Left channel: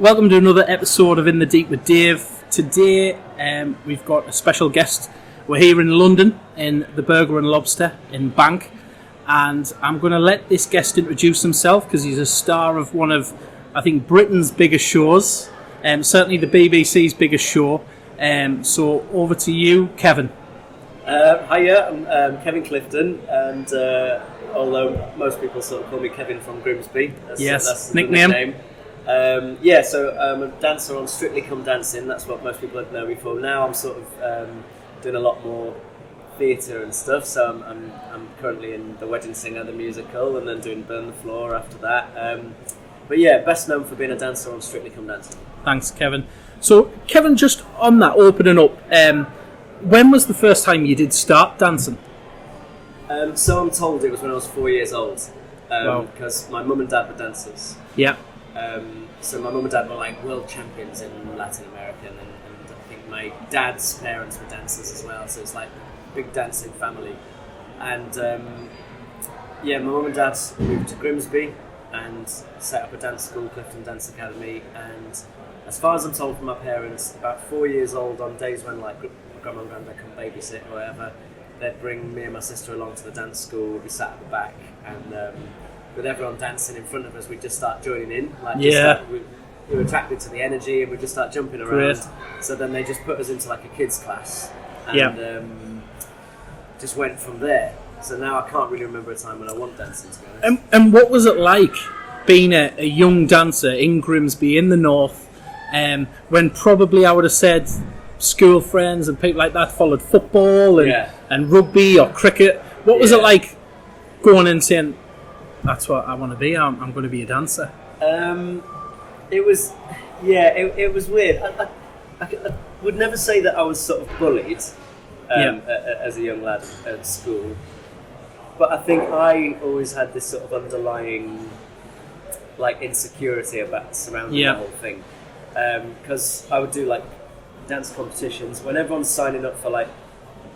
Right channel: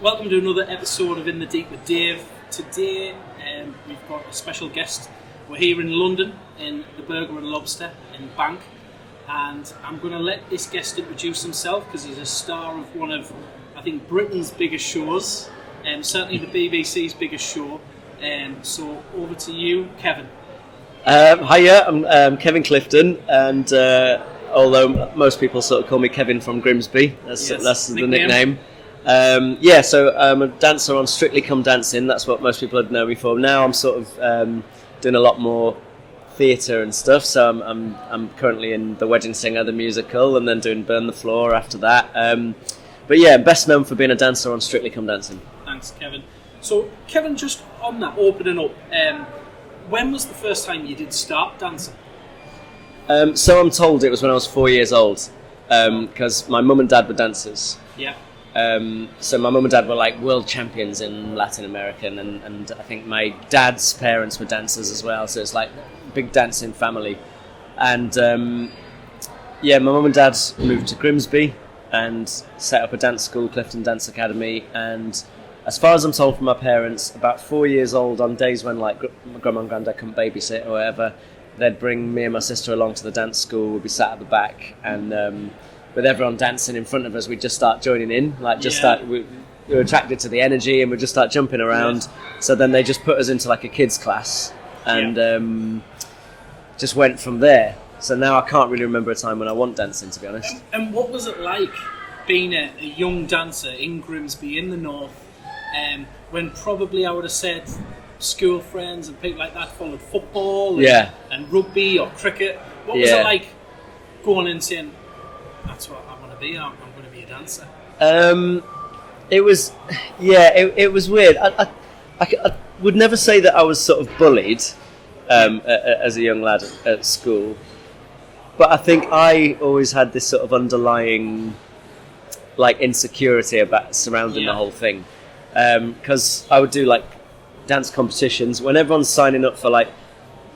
Welcome to another episode of In the Deep with Dave. Today we've got a special guest. We're here in London in the Burger and Lobster in Bank, and I'm going to let this guest introduce himself because he's a star of one of, I think, Britain's biggest shows, certainly the BBC's biggest show. So over to you, Kevin. Hiya, I'm Kevin Clifton, and although most people sort of call me Kevin from Grimsby, that's the nickname. So I'm a dancer on Strictly Come Dancing. That's what most people would know me for. Now I'm sort of doing a lot more theatre and stuff. So I'm currently in The Wedding Singer, the musical, and then doing Burn the Floor after that. But yeah, best known for being a dancer on Strictly Come Dancing. Thanks, Kevin. So Kevin, just on that, opening up, when was the first time you did start dancing? So I'm told it was when I was 4 years old, because my mum and dad were dancers. Yeah. So my mum and dad were like world champions in Latin America, and I think my dad's parents were dancers as well, so it's like a big dancing family. And my mum and dad moved to Grimsby and set up a dance school, Clifton Dance Academy, and as far as I'm told from my parents, about 4 years old, on days when like grandma and granddad couldn't babysit or whatever, they'd bring me and my sister along to the dance school. We'd be sat at the back, and with everyone dancing in front of us, we'd just start joining in. We were attracted to the energy, and we'd just start jumping around. Yes. So then they just put us into like a kids class, and just went from there. So now I can't really remember a time when I want dancing, to be honest. And what was it like being a young dancer in Grimsby in the north, when probably I would have said school friends and people like that followed football and rugby or cricket? What was it like going in saying, that's what I want to be, I'm going to be a dancer? It was weird. I would never say that I was sort of bullied as a young lad at school, but I think I always had this sort of underlying like insecurity about surrounding the whole thing, because I would do like dance competitions when everyone's signing up for like,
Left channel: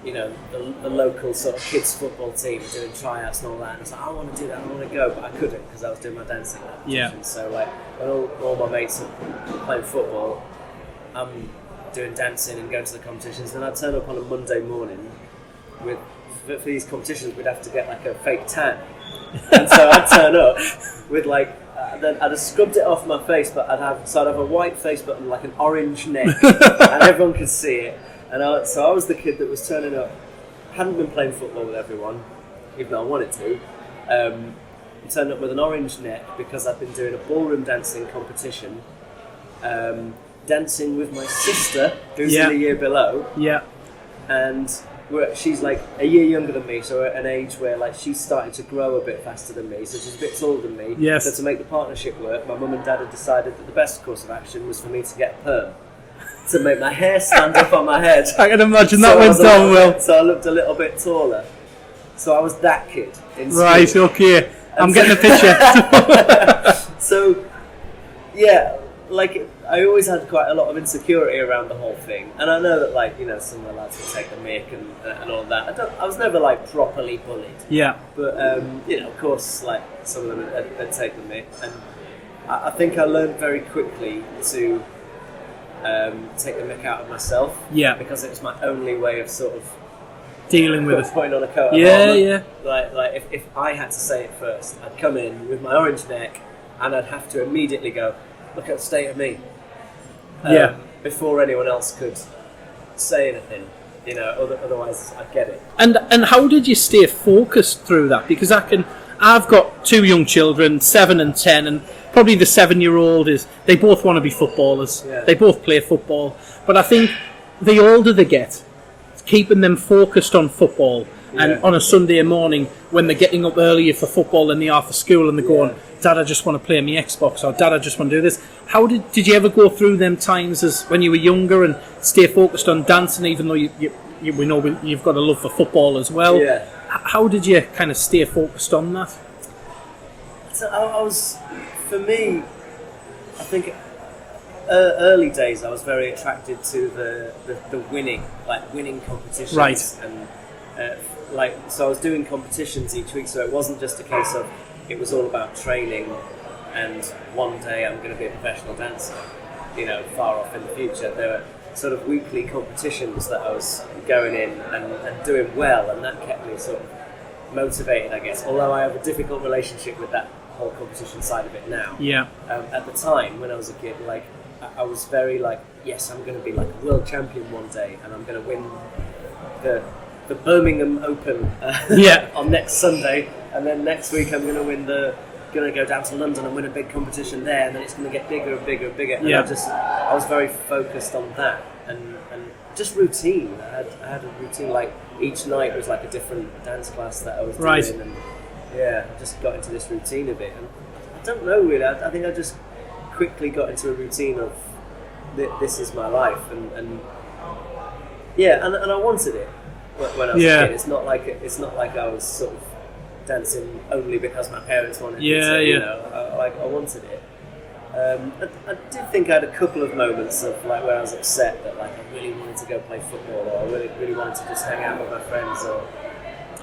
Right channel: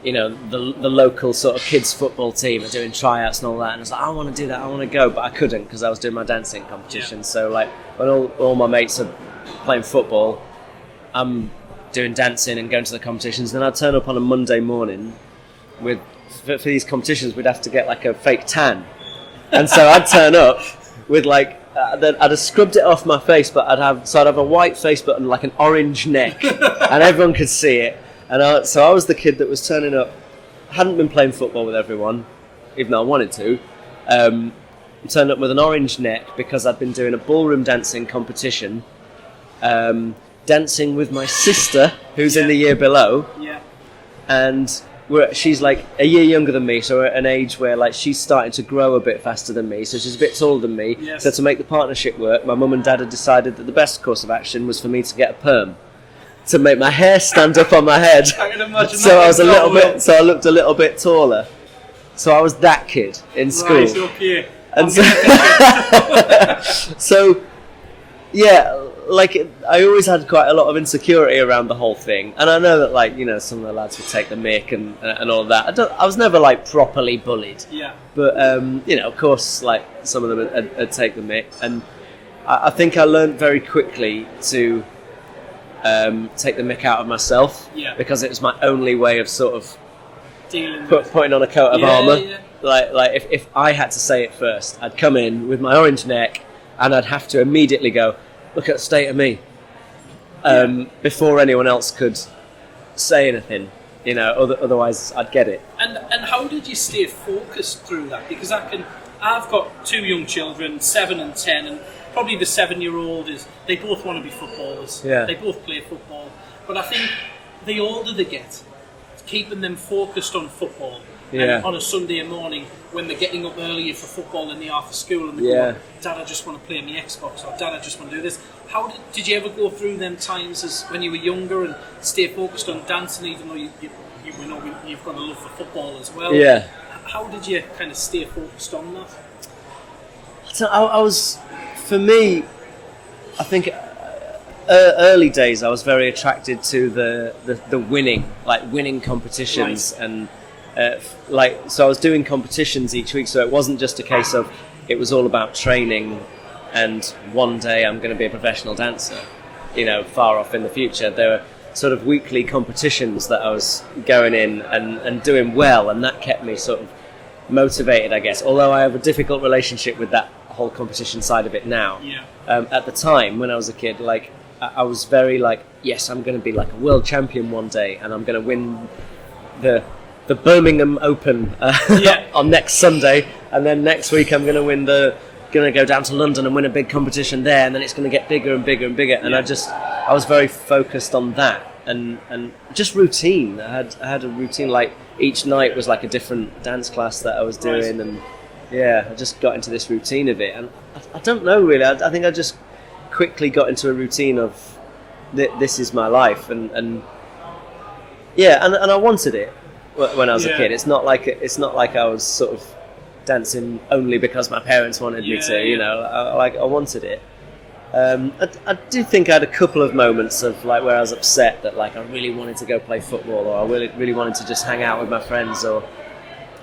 you know, the local sort of kids football team are doing tryouts and all that, and I was like, I want to do that, I want to go, but I couldn't because I was doing my dancing competition. So like when all my mates are playing football, I'm doing dancing and going to the competitions. Then I'd turn up on a Monday morning for these competitions, we'd have to get like a fake tan, and so I'd turn up with like then I'd have scrubbed it off my face, but I'd have a white face but like an orange neck, and everyone could see it. And so I was the kid that was turning up, hadn't been playing football with everyone, even though I wanted to. Turned up with an orange neck because I'd been doing a ballroom dancing competition, dancing with my sister, who's in the year below. Yeah. And she's like a year younger than me, so we're at an age where like she's starting to grow a bit faster than me, so she's a bit taller than me. Yes. So to make the partnership work, my mum and dad had decided that the best course of action was for me to get a perm, to make my hair stand up on my head. I can imagine that. So I looked a little bit taller. So I was that kid in school. Right, okay. I'm getting a picture. So, yeah, like I always had quite a lot of insecurity around the whole thing. And I know that, like, you know, some of the lads would take the mick and all that. I was never, like, properly bullied. Yeah. But, you know, of course, like, some of them would take the mick. And I think I learned very quickly to take the mick out of myself, because it was my only way of sort of dealing with putting on a coat of armour. Like if I had to say it first, I'd come in with my orange neck and I'd have to immediately go, look at the state of me, before anyone else could say anything, you know, otherwise I'd get it. And how did you stay focused through that? Because I've got two young children, 7 and 10, and probably the 7-year-old they both want to be footballers. Yeah. They both play football. But I think the older they get, keeping them focused on football, and on a Sunday morning when they're getting up earlier for football than they are for school, and they're going, Dad, I just want to play my Xbox, or Dad, I just want to do this. How did you ever go through them times as when you were younger and stay focused on dancing, even though we know you've got a love for football as well? Yeah. How did you kind of stay focused on that? So I was, for me, I think early days I was very attracted to the winning competitions, right. And so I was doing competitions each week, so it wasn't just a case of it was all about training and one day I'm going to be a professional dancer, far off in the future. There were sort of weekly competitions that I was going in and doing well, and that kept me sort of motivated, I guess, although I have a difficult relationship with that whole competition side of it now. At the time when I was a kid, like I was very like, yes, I'm going to be like a world champion one day, and I'm going to win the Birmingham Open on next Sunday, and then next week I'm going to go down to London and win a big competition there, and then it's going to get bigger and bigger and bigger. And I was very focused on that, and just routine. I had a routine, like each night was like a different dance class that I was doing, and I just got into this routine of it. And I don't know really. I think I just quickly got into a routine of this is my life, and I wanted it when I was a kid. It's not like I was sort of dancing only because my parents wanted me to. I wanted it. I do think I had a couple of moments of like where I was upset that like I really wanted to go play football, or I really wanted to just hang out with my friends or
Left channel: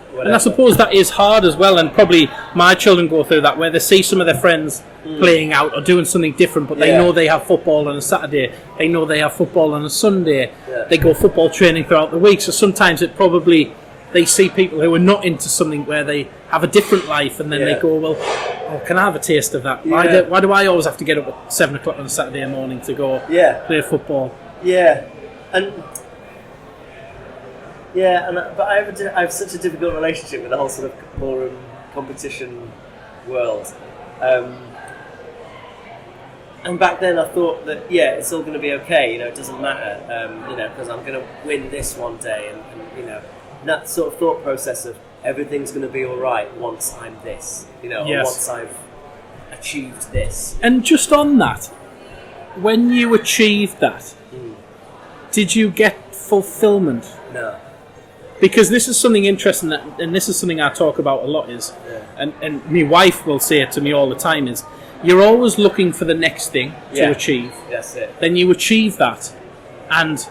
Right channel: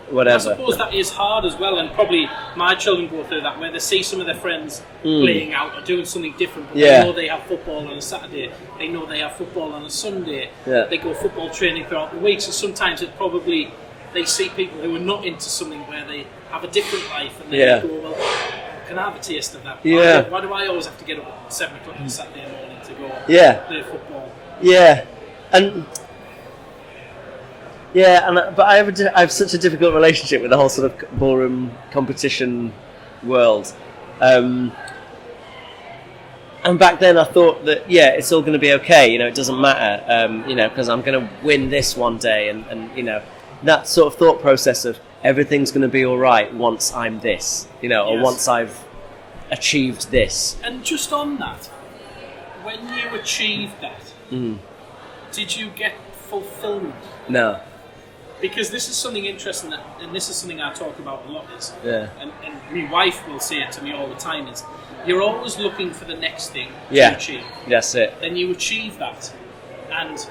whatever. And I suppose that is hard as well, and probably my children go through that, where they see some of their friends playing out or doing something different, but they know they have football on a Saturday, they know they have football on a Sunday, they go football training throughout the week, so sometimes it probably, they see people who are not into something where they have a different life, and then they go, well, can I have a taste of that? Why do I always have to get up at 7 o'clock on a Saturday morning to go play football? But I have such a difficult relationship with the whole sort of ballroom competition world. And back then I thought that, it's all going to be okay, it doesn't matter, because I'm going to win this one day, and that sort of thought process of everything's going to be all right once I'm this, or once I've achieved this. And just on that, when you achieved that, did you get fulfillment? No. Because this is something interesting, and this is something I talk about a lot, and my wife will say it to me all the time, is you're always looking for the next thing to achieve. That's it. Then you achieve that, and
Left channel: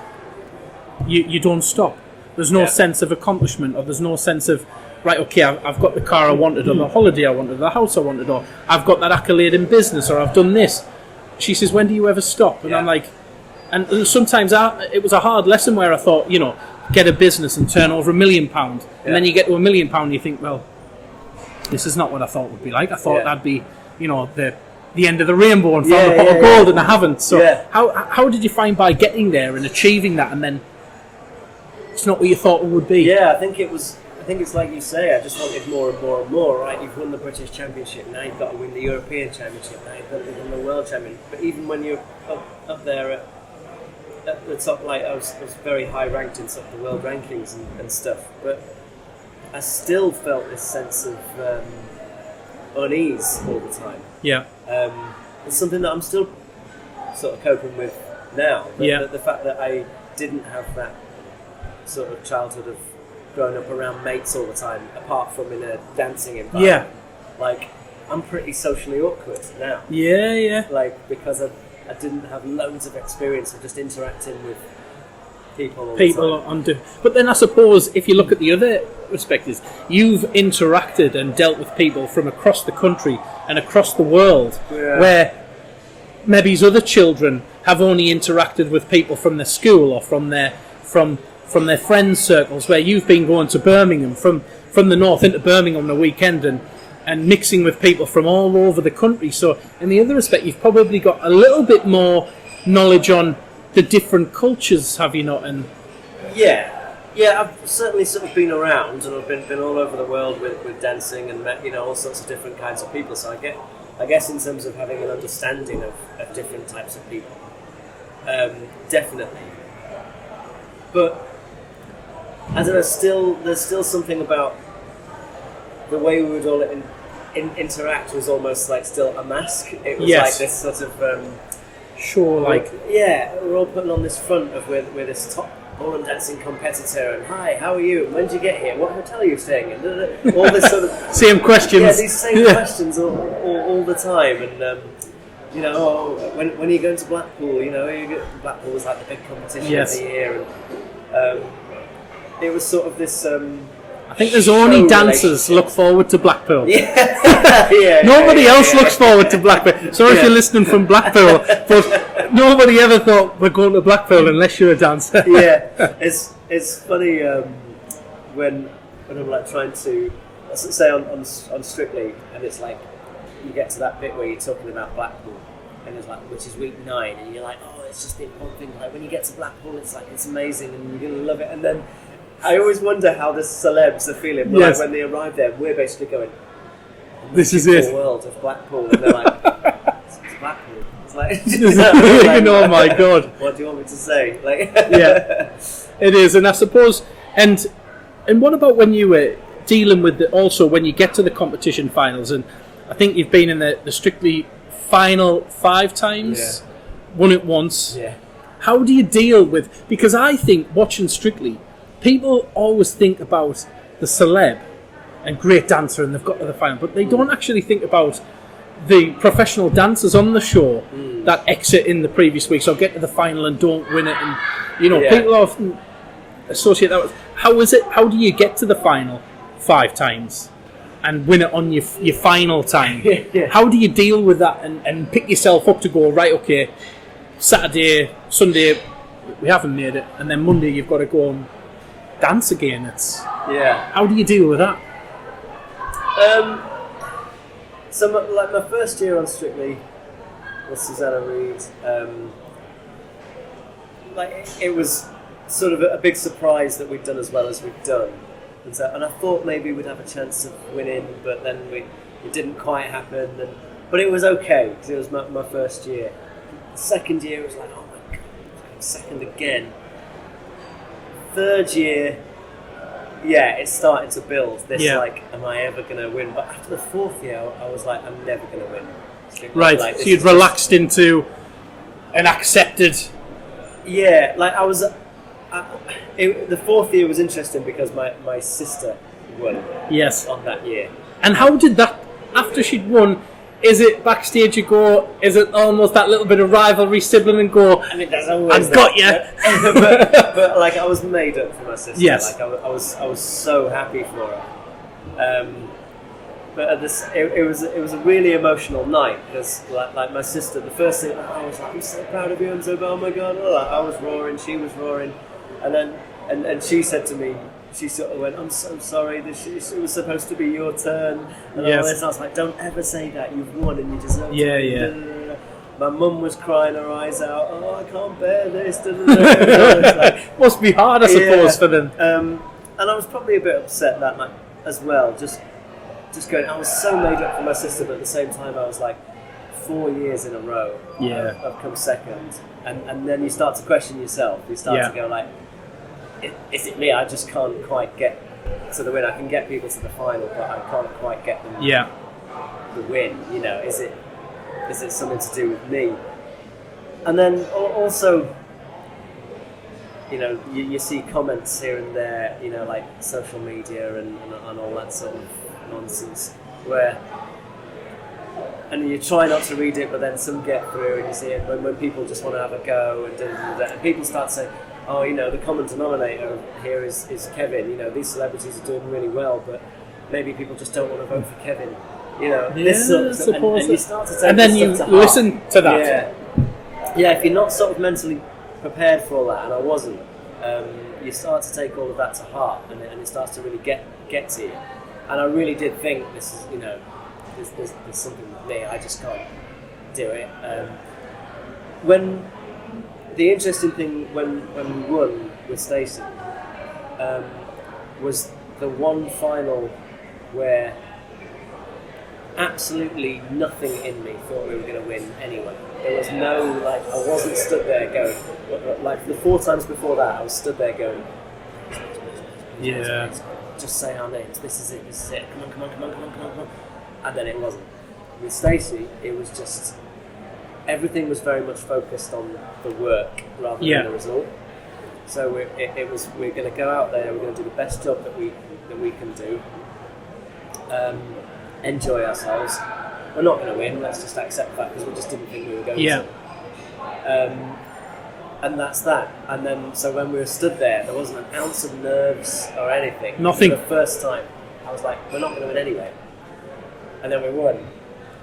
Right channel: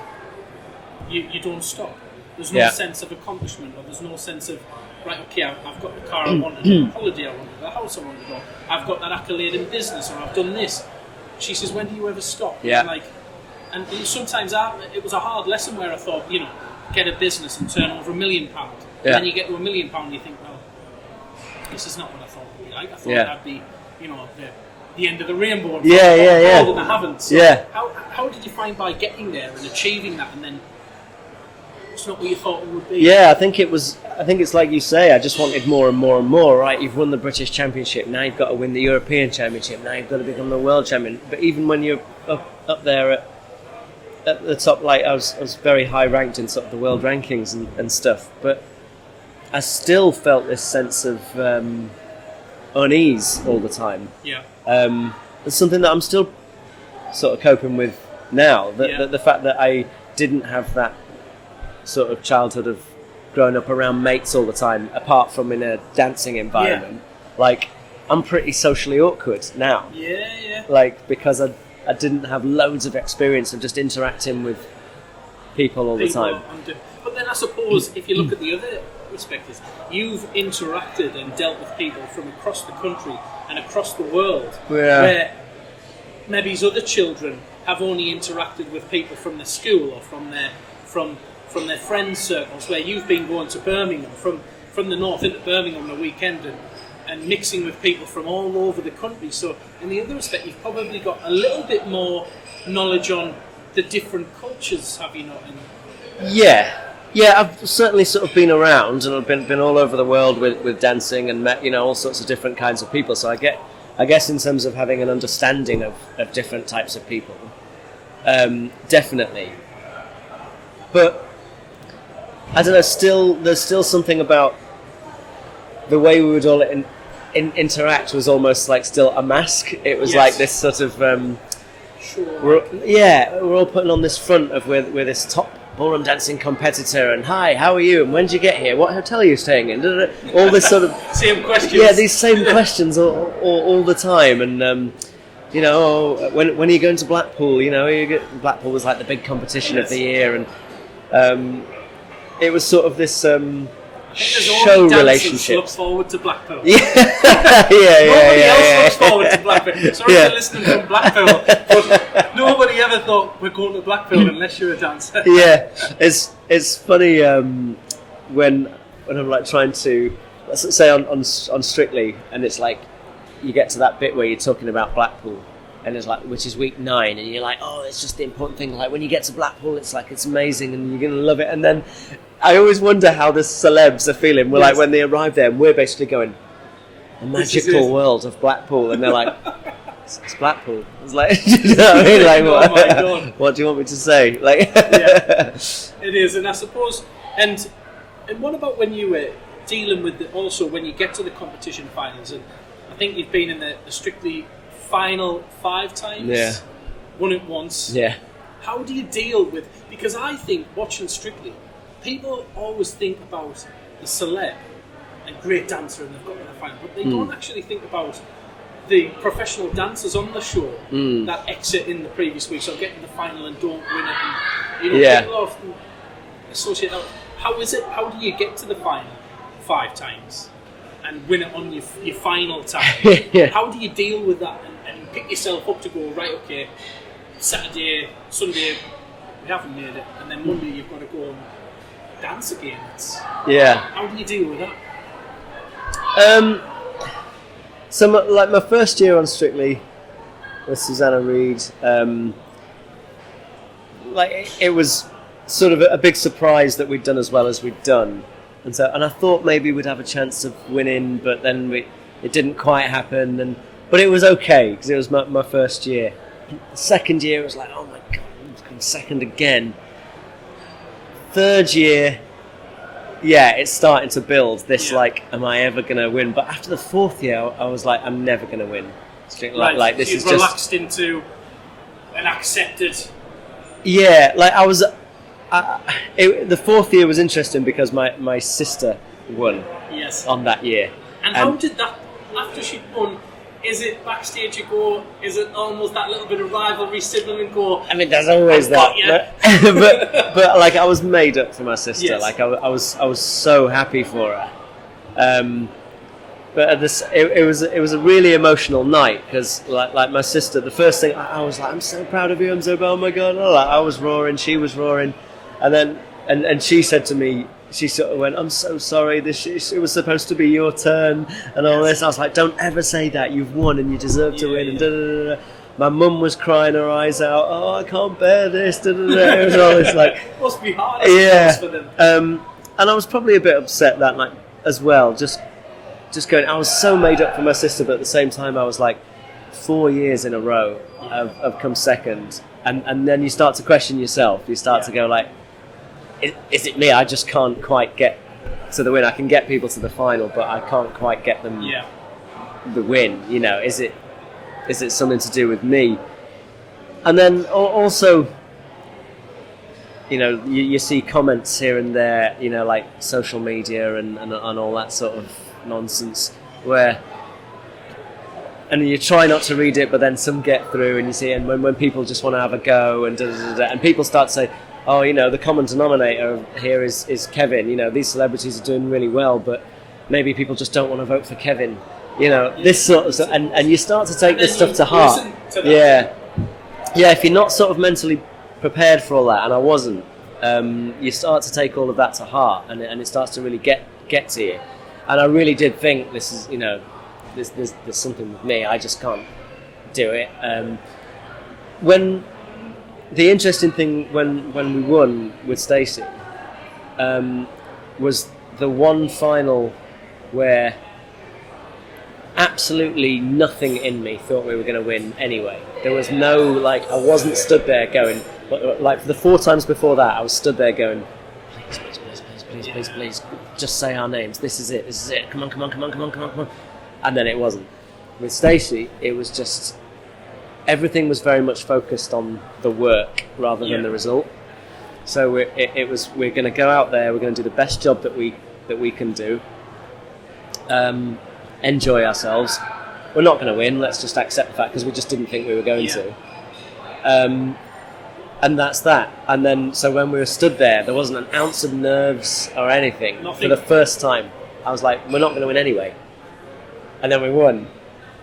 you don't stop. There's no sense of accomplishment, or there's no sense of, right, okay, I've got the car I wanted, or the holiday I wanted, or the house I wanted, or I've got that accolade in business, or I've done this. She says, when do you ever stop? And I'm like, and sometimes it was a hard lesson where I thought, get a business and turn over £1 million, and then you get to £1 million and you think, well, this is not what I thought it would be like. I thought that'd be, the end of the rainbow and found a pot of gold, and I haven't. So how did you find by getting there and achieving that, and then it's not what you thought it would be? I think it's like you say, I just wanted more and more and more, right? You've won the British Championship, now you've got to win the European Championship, now you've got to become the world champion. But even when you're up there at the top, like I was very high ranked in sort of the world rankings and stuff, but I still felt this sense of unease all the time. It's something that I'm still sort of coping with now. The fact that I didn't have that sort of childhood of growing up around mates all the time, apart from in a dancing environment. Like, I'm pretty socially awkward now. Like, because I didn't have loads of experience of just interacting with people all the time. But then I suppose if you look at the other perspectives, you've interacted and dealt with people from across the country and across the world, where maybe other children have only interacted with people from their school or from their friends' circles, where you've been going to Birmingham, from the north into Birmingham on a weekend, and mixing with people from all over the country. So in the other respect, you've probably got a little bit more knowledge on the different cultures, have you not? And I've certainly sort of been around, and I've been all over the world with dancing, and met all sorts of different kinds of people. So I guess in terms of having an understanding of different types of people, definitely. But I don't know. There's still something about the way we would all interact was almost like still a mask. It was like this sort of we're all putting on this front of we're this top ballroom dancing competitor, and hi, how are you, and when did you get here, what hotel are you staying in, all this sort of same questions. These same questions all the time. And when are you going to Blackpool? Blackpool was like the big competition of the year, and it was sort of this I think there's only dancers look forward to Blackpool. Yeah. Nobody else looks forward to Blackpool. Sorry if you're listening from Blackpool, but nobody ever thought we're going to Blackpool unless you're a dancer. It's funny when I'm like trying to, let's say on Strictly, and it's like you get to that bit where you're talking about Blackpool, and it's like, which is week 9, and you're like, oh, it's just the important thing. Like when you get to Blackpool, it's like it's amazing, and you're gonna love it. And then I always wonder how the celebs are feeling. Well, like when they arrive there, and we're basically going, the magical world of Blackpool, and they're like, it's Blackpool. It's like, you know what I mean? Like, oh my god, what do you want me to say? Like, it is. And I suppose, and what about when you were dealing with also when you get to the competition finals, and I think you've been in the Strictly final 5 times, won it once. How do you deal with, because I think watching Strictly, people always think about the celeb and great dancer and they've got to the final, but they don't actually think about the professional dancers on the show that exit in the previous week, so get to the final and don't win it. And people often associate that with, how do you get to the final 5 times and win it on your final time? How do you deal with that and pick yourself up to go, right, okay, Saturday, Sunday we haven't made it, and then Monday you've got to go and dance again? How do you deal with that? So my first year on Strictly with Susanna Reid, it was sort of a big surprise that we'd done as well as we'd done, and I thought maybe we'd have a chance of winning, but then it didn't quite happen. But it was okay because it was my first year. The second year it was like, oh my god, I'm second again. Third year, it's starting to build this like, am I ever going to win? But after the 4th year, I was like, I'm never going to win. Right, so you'd relaxed into an accepted... Yeah, like I was... the 4th year was interesting because my sister won on that year. And how did that, after she'd won, is it backstage you go, is it almost that little bit of rivalry, sibling and go, I mean, there's always I've got you. but like I was made up for my sister. Like I was so happy for her. But it was a really emotional night because like my sister, the first thing I was like, I'm so proud of you. I'm so, oh my god, I was roaring, she was roaring, and then and she said to me, she sort of went, I'm so sorry, it was supposed to be your turn and all this. I was like, don't ever say that, you've won and you deserve to win. Da, da, da, da. My mum was crying her eyes out, oh, I can't bear this. Da, da, da. It was always like, must be hard, I suppose, for them. And I was probably a bit upset that night as well, just going, I was so made up for my sister, but at the same time I was like, 4 years in a row of come second, and then you start to question yourself. You start to go like, is it me? I just can't quite get to the win. I can get people to the final, but I can't quite get them the win. You know, is it something to do with me? And then also, you know, you see comments here and there, you know, like social media and all that sort of nonsense, where, and you try not to read it, but then some get through, and you see, and when people just want to have a go, and and people start to say, oh, you know, the common denominator here is Kevin. You know, these celebrities are doing really well, but maybe people just don't want to vote for Kevin. You know, this sort of stuff, and you start to take this stuff to heart. Listen to that. Yeah. If you're not sort of mentally prepared for all that, and I wasn't, you start to take all of that to heart, and it starts to really get to you. And I really did think this is, you know, there's something with me. I just can't do it. When the interesting thing when we won with Stacey was the one final where absolutely nothing in me thought we were going to win anyway. There was no, like, I wasn't stood there going, like, for the 4 times before that, I was stood there going, please, just say our names. This is it. Come on. And then it wasn't. With Stacey, it was just, everything was very much focused on the work rather than the result. So we're going to go out there, we're going to do the best job that we can do, enjoy ourselves. We're not going to win, let's just accept the fact, because we just didn't think we were going to. And that's that. And then, so when we were stood there wasn't an ounce of nerves or anything. Nothing. For the first time, I was like, we're not going to win anyway. And then we won.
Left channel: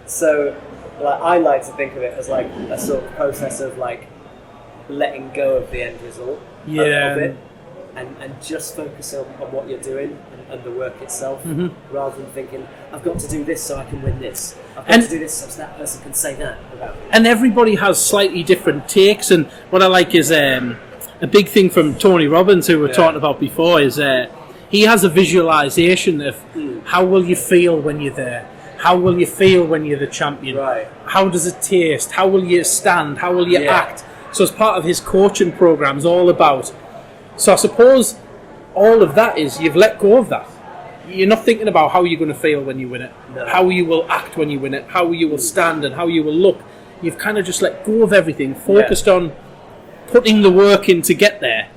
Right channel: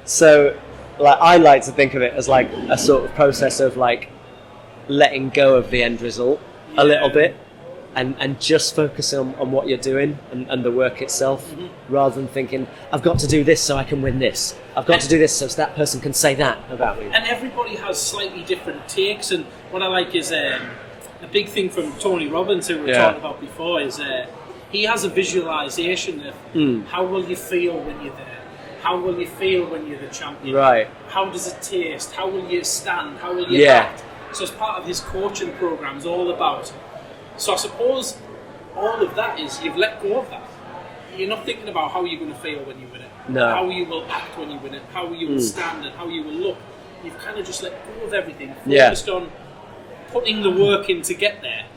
So, like, I like to think of it as like a sort of process of like letting go of the end result a little bit, and just focus on what you're doing and the work itself, rather than thinking, I've got to do this so I can win this. I've got to do this so that person can say that about me. And everybody has slightly different takes, and what I like is a big thing from Tony Robbins, who we were talking about before, is he has a visualization of how will you feel when you're there? How will you feel when you're the champion? Right. How does it taste? How will you stand? How will you act? So as part of his coaching programs, all about. So I suppose all of that is you've let go of that. You're not thinking about how you're going to feel when you win it, how you will act when you win it, how you will stand and how you will look. You've kind of just let go of everything, focused on putting the work in to get there,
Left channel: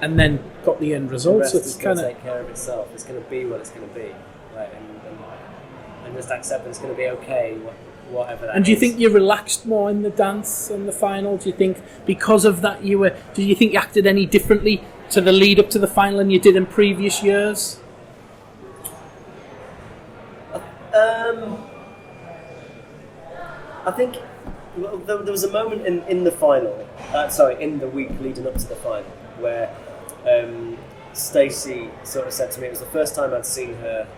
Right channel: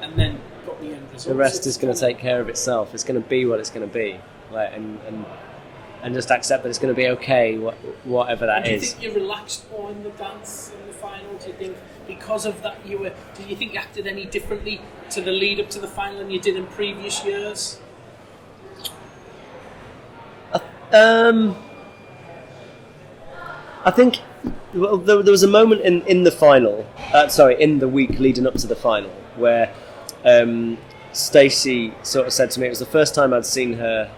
and then got the end result. The rest is going to take care of itself. It's going to be what it's going to be, like, and just accept that it's going to be okay, whatever that is. And do you think you relaxed more in the dance and the final? Do you think because of that do you think you acted any differently to the lead up to the final than you did in previous years? I think there was a moment in the final, in the week leading up to the final, where Stacey sort of said to me, it was the first time I'd seen her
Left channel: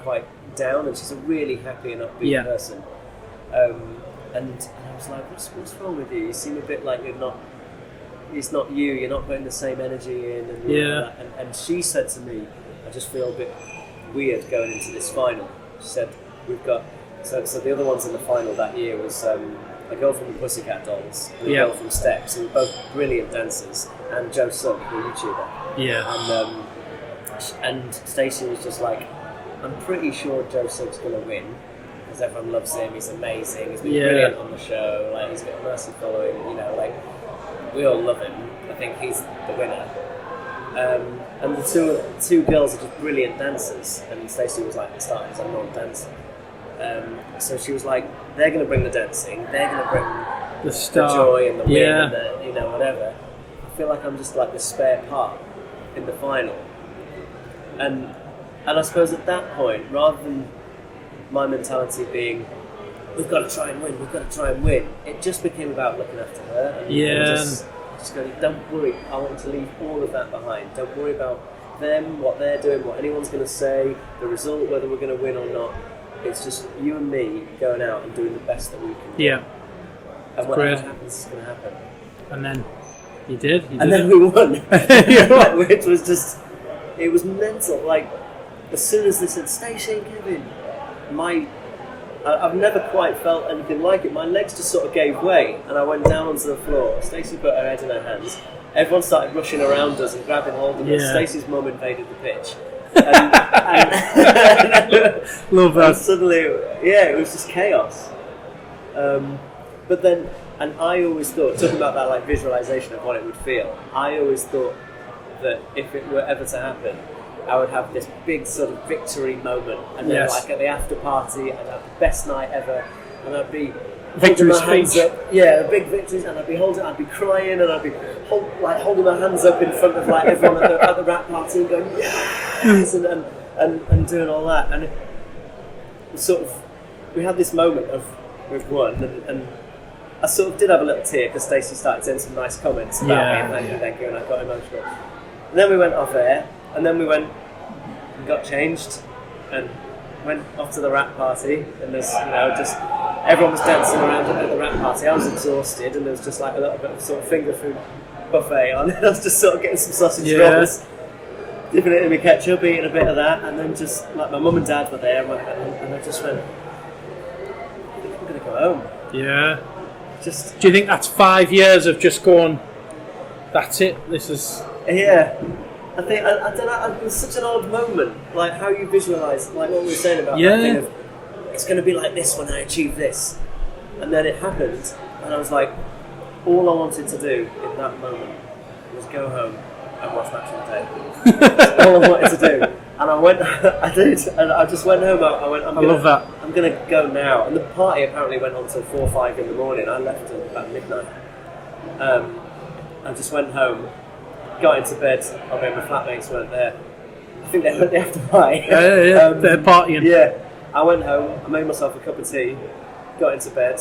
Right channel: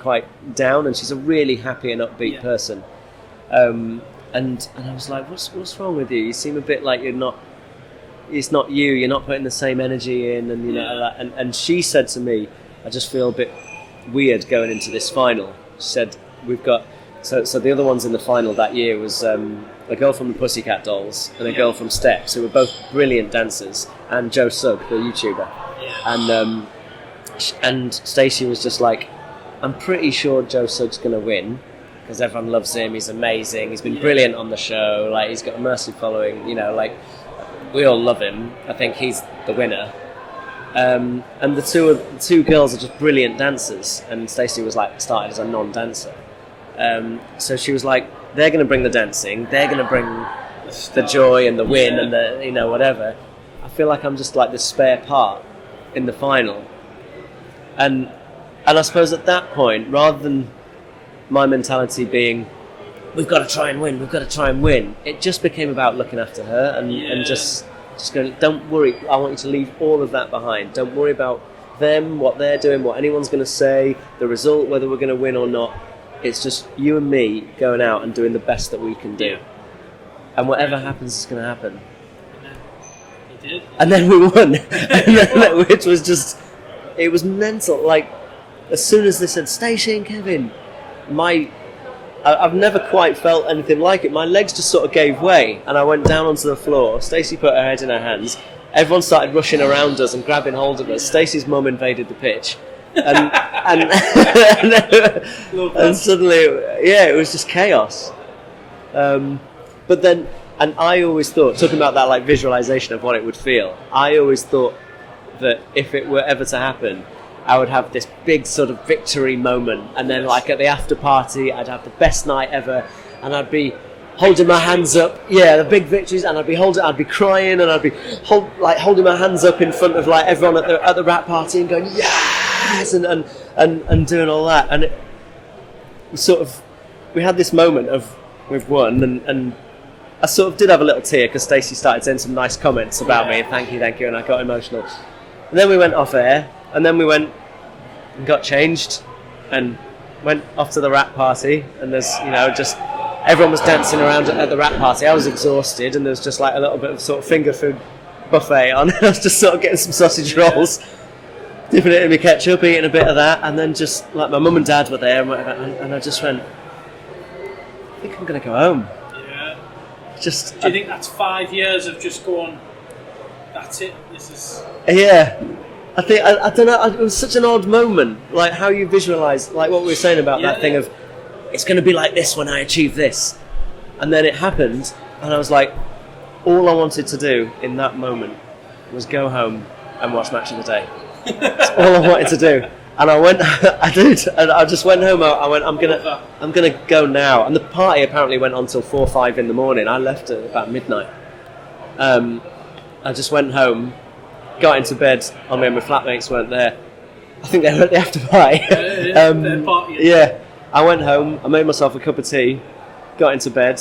quite down, and she's a really happy and upbeat person. And I was like, what's wrong with you? You seem a bit like it's not you, you're not putting the same energy in, and you know that. And she said to me, I just feel a bit weird going into this final. She said, we've got so the other ones in the final that year was a girl from the Pussycat Dolls and a girl from Steps, who were both brilliant dancers, and Joe Sugg, the YouTuber. And Stacey was just like, I'm pretty sure Joe Sugg's going to win because everyone loves him. He's amazing. He's been brilliant on the show. Like, he's got a massive following. You know, like, we all love him. I think he's the winner. And the two girls are just brilliant dancers. And Stacey was like started as a non-dancer. So she was like, they're going to bring the dancing. They're going to bring the joy and the win and the whatever. I feel like I'm just like the spare part in the final. And I suppose at that point, rather than my mentality being, we've got to try and win, it just became about looking after her and just going, don't worry, I want you to leave all of that behind. Don't worry about them, what they're doing, what anyone's going to say, the result, whether we're going to win or not. It's just you and me going out and doing the best that we can do. Yeah. And whatever happens is going to happen. And then you did. And then we won. Which was just, it was mental. Like, as soon as they said, Stacey and Kevin, I've never quite felt anything like it. My legs just sort of gave way and I went down onto the floor. Stacey put her head in her hands. Everyone started rushing around us and grabbing hold of us. Stacey's mum invaded the pitch. And Love that. And suddenly, it was just chaos. But then, and I always thought, talking about that like visualization of what it would feel, I always thought that if it were ever to happen, I would have this big sort of victory moment, and then like at the after party, I'd have the best night ever, and I'd be holding my hands up, the big victories, and I'd be crying, and I'd be holding my hands up in front of like everyone at the rap party and going yes, and doing all that, and it sort of, we had this moment of we've won, and I sort of did have a little tear because Stacey started saying some nice comments about me, and thank you, and I got emotional, and then we went off air. And then we went and got changed and went off to the rap party, and there's, just everyone was dancing around at the rap party. I was exhausted, and there was just like a little bit of sort of finger food buffet on. I was just sort of getting some sausage rolls, dipping it in my ketchup, eating a bit of that, and then just like my mum and dad were there, and I just went, I think I'm going to go home. Yeah. Just. Do you think that's 5 years of just going, that's it, this is... Yeah. I think, I don't know, it was such an odd moment, like how you visualise, like what we were saying about that thing of, it's going to be like this when I achieve this. And then it happened, and I was like, all I wanted to do in that moment was go home and watch Match of the Day. That's all I wanted to do. And I went, I did, and I just went home, I went, I'm going to go now. And the party apparently went on till 4 or 5 in the morning. I left at about midnight. I just went home, got into bed. I mean, my flatmates weren't there. I think they were at the after party. They're partying. Yeah. I went home, I made myself a cup of tea, got into bed,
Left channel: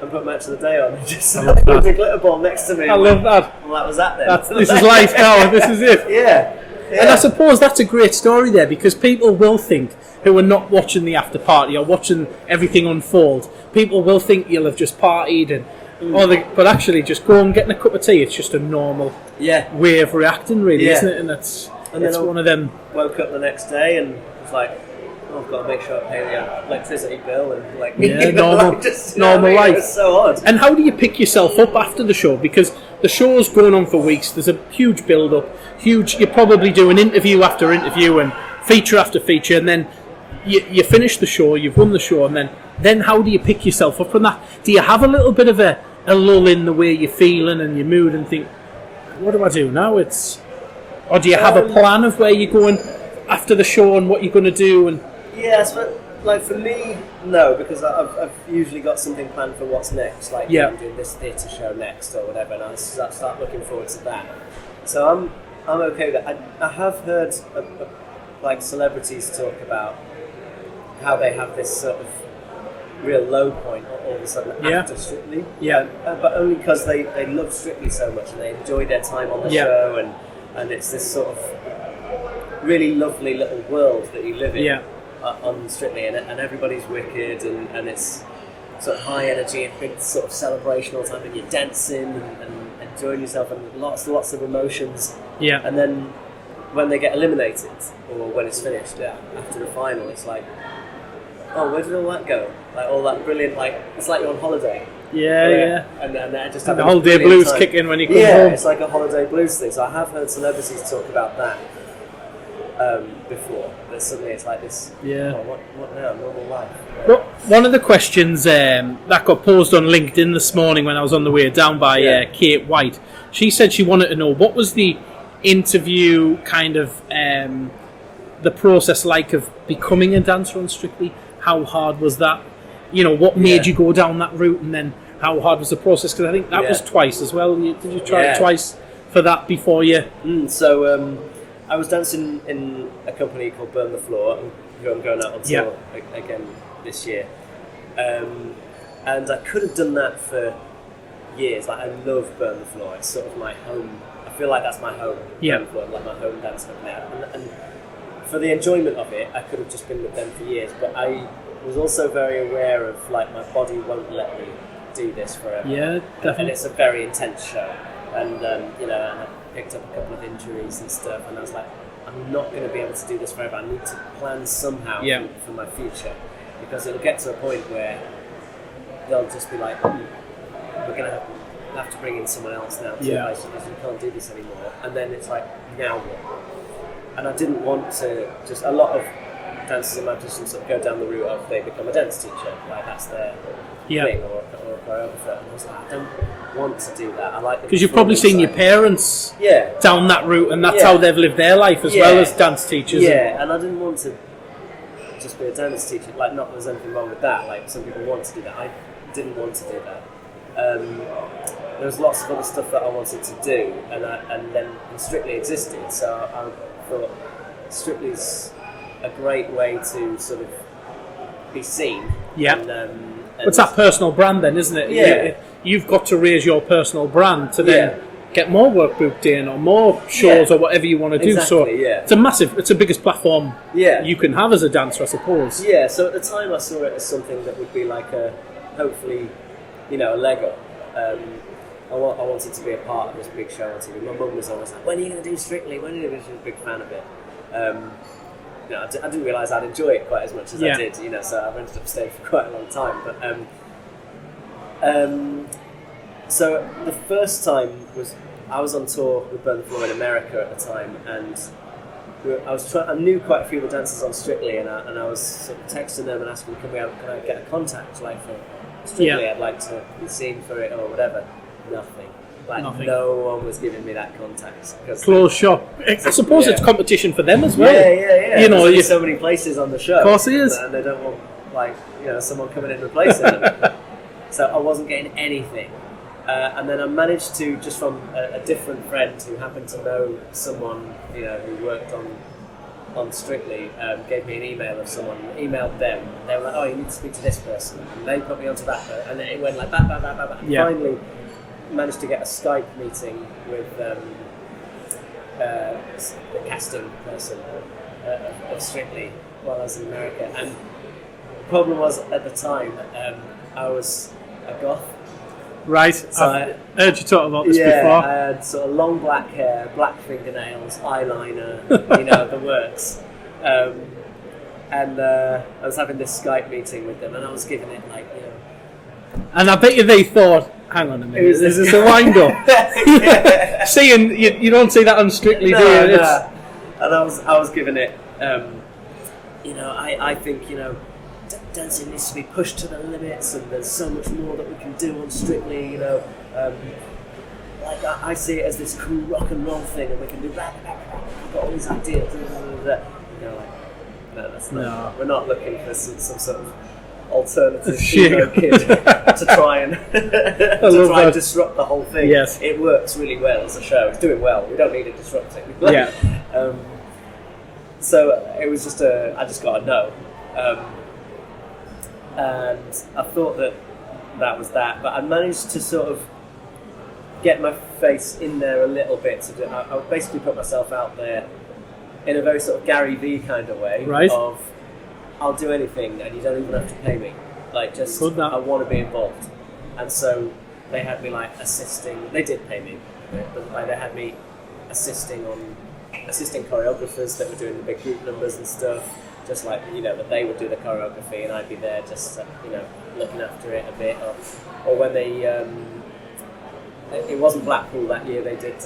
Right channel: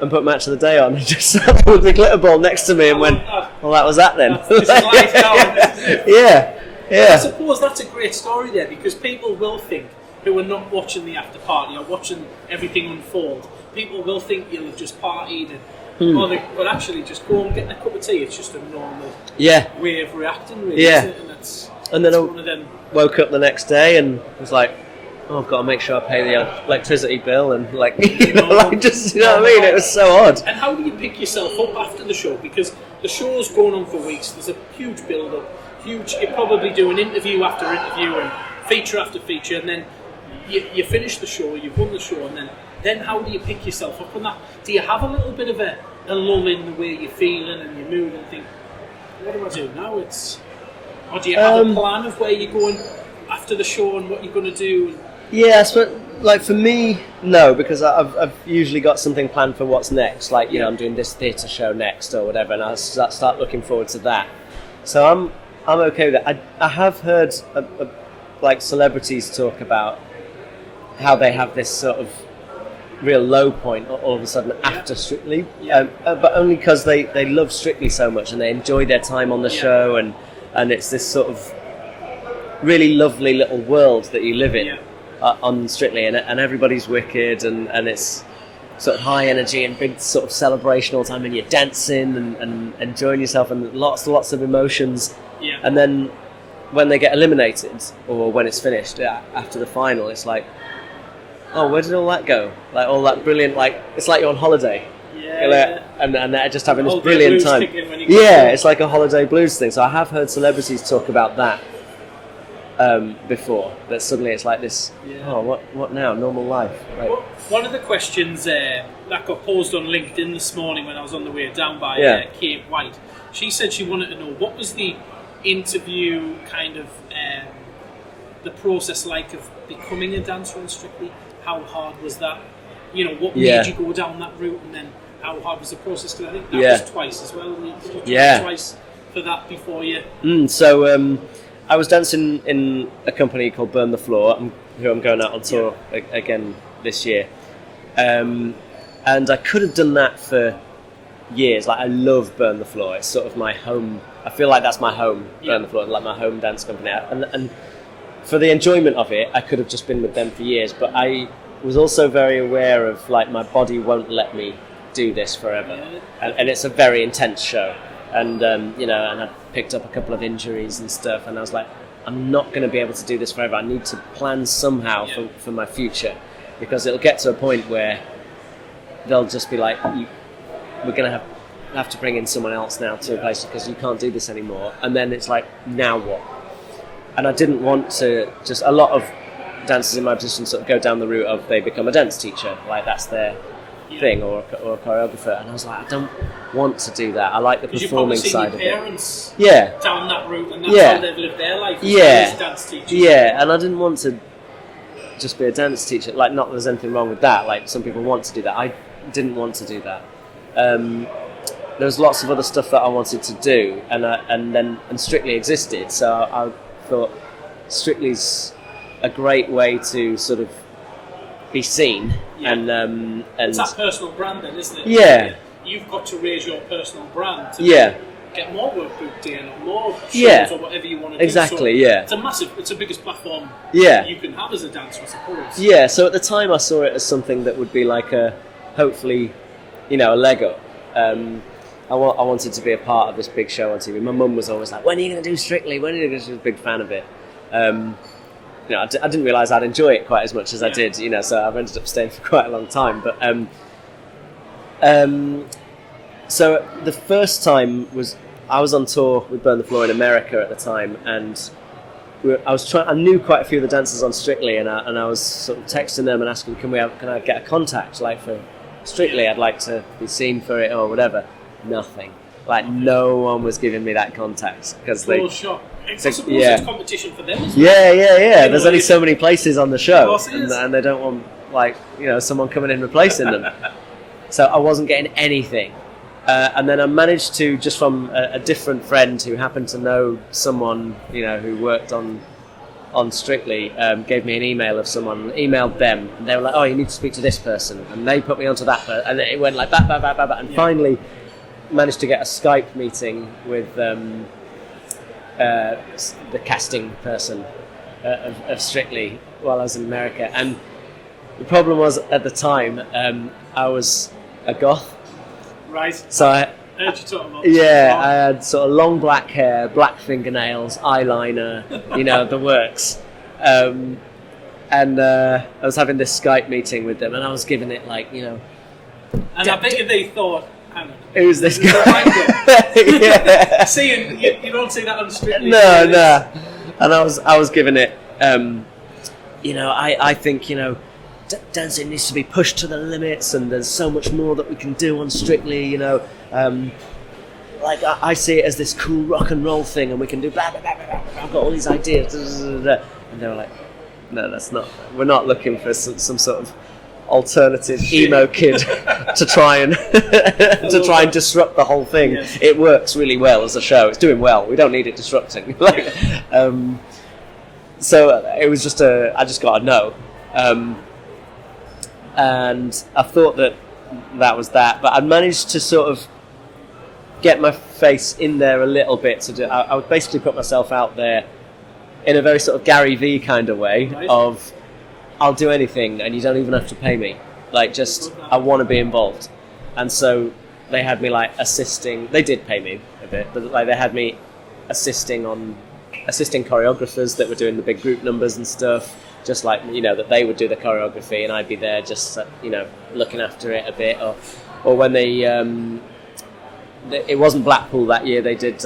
and put Match of the Day on, and just sat with the glitter ball next to me and went, that. well, that was that then. This is life now, this is it. Yeah. And I suppose that's a great story there, because people will think, who are not watching the after party or watching everything unfold, people will think you'll have just partied and but actually just go and getting a cup of tea, it's just a normal way of reacting, really, isn't it? And then one of them. Woke up the next day and was like, oh, I've got to make sure I pay the electricity bill and normal, just normal life. It was so odd. And how do you pick yourself up after the show? Because the show's going on for weeks. There's a huge build-up. You probably do an interview after interview and feature after feature, and then you finish the show. You've won the show, and then how do you pick yourself up from that? Do you have a little bit of a lull in the way you're feeling and your mood, and think, what do I do now? Or do you have a plan of where you're going after the show and what you're going to do? And yes, but like for me, no, because I've usually got something planned for what's next. Like, I'm doing this theatre show next or whatever, and I start looking forward to that. So I'm okay with that. I have heard like celebrities talk about how they have this sort of real low point all of a sudden after Strictly, but only because they love Strictly so much and they enjoy their time on the show, and it's this sort of really lovely little world that you live in on Strictly, and everybody's wicked, and it's sort of high energy and big sort of celebration all the time, and you're dancing and enjoying yourself, and lots of emotions. And then when they get eliminated or when it's finished after the final, it's like, oh, where did all that go? Like all that brilliant, like it's like you're on holiday. And they're just having this brilliant blues time. kick in when you come home. It's like a holiday blues thing. So I have heard celebrities talk about that before. That suddenly it's like this. Oh, what now? Normal life. Like, well, one of the questions that got posed on LinkedIn this morning when I was on the way down by Kate White, she said she wanted to know what was the interview kind of the process like of becoming a dancer on Strictly. How hard was that? What made you go down that route, and then how hard was the process? Because I think that was twice as well. Did you try twice for that before you? So I was dancing in a company called Burn the Floor, who I'm going out on tour again this year. And I could have done that for years. Like, I love Burn the Floor. It's sort of my home. I feel like that's my home, Burn the Floor, like my home dance company. And for the enjoyment of it, I could have just been with them for years. But I was also very aware of, like, my body won't let me do this forever. And it's a very intense show. And, and I picked up a couple of injuries and stuff, and I was like, I'm not going to be able to do this forever. I need to plan somehow for my future, because it'll get to a point where they'll just be like, we're going to have to bring in someone else now to replace you, because you can't do this anymore. And then it's like, now what? And I didn't want to just... A lot of dancers in my position sort of go down the route of they become a dance teacher, like that's their thing, or a choreographer. And I was like, I don't want to do that. I like the because you've probably seen your parents down that route, and that's how they've lived their life as well as dance teachers. And I didn't want to just be a dance teacher. Like, not that there's anything wrong with that. Like, some people want to do that. I didn't want to do that. There was lots of other stuff that I wanted to do, and Strictly existed. So I thought Strictly's a great way to sort of be seen. And it's that personal brand then, isn't it? You've got to raise your personal brand to then get more work booked in, or more shows, or whatever you want to do. Exactly, so it's the biggest platform you can have as a dancer, I suppose. So at the time I saw it as something that would be like hopefully, a leg up. I wanted to be a part of this big show on TV. My mum was always like, when are you going to do Strictly? When are you going to do? She was a big fan of it. I didn't realise I'd enjoy it quite as much as I did, so I've ended up staying for quite a long time. But so the first time was I was on tour with Burn the Floor in America at the time, and I knew quite a few of the dancers on Strictly, and I was sort of texting them and asking, can I get a contact, like, for Strictly? I'd like to be seen for it or whatever. Nothing. No one was giving me that contact. Closed shop. I suppose it's competition for them as well. There's only so many places on the show. Of course it is. And they don't want, someone coming in replacing them. So I wasn't getting anything. And then I managed to, just from a different friend who happened to know someone, who worked on Strictly, gave me an email of someone, emailed them, and they were like, oh, you need to speak to this person, and they put me onto that person, and it went like that, and finally managed to get a Skype meeting with the casting person of Strictly while I was in America. And the problem was, at the time, I was a goth. Right. So I heard you talk about this before. Yeah, I had sort of long black hair, black fingernails, eyeliner, the works. And I was having this Skype meeting with them, and I was giving it And I bet you they thought, hang on a minute, who's this this is the guy? wind-up. Yeah. Seeing, you don't see that on Strictly. No, do you? no. And I was giving it, I think, dancing needs to be pushed to the limits, and there's so much more that we can do on Strictly, I see it as this cool rock and roll thing, and we can do blah, blah, blah, blah, blah. I've got all these ideas, and they were like, no, that's not, we're not looking for some sort of alternative emo kid to try and disrupt the whole thing. Yes. It works really well as a show. It's doing well. We don't need it disrupting. So it was just I just got a no. And I thought that was that, but I managed to sort of get my face in there a little bit. I would basically put myself out there in a very sort of Gary Vee kind of way, right. Of I'll do anything and you don't even have to pay me. I want to be involved. And so they had me assisting. They did pay me a bit, but they had me assisting choreographers that were doing the big group numbers and stuff. Just that they would do the choreography and I'd be there just looking after it a bit, or when they it wasn't Blackpool that year, they did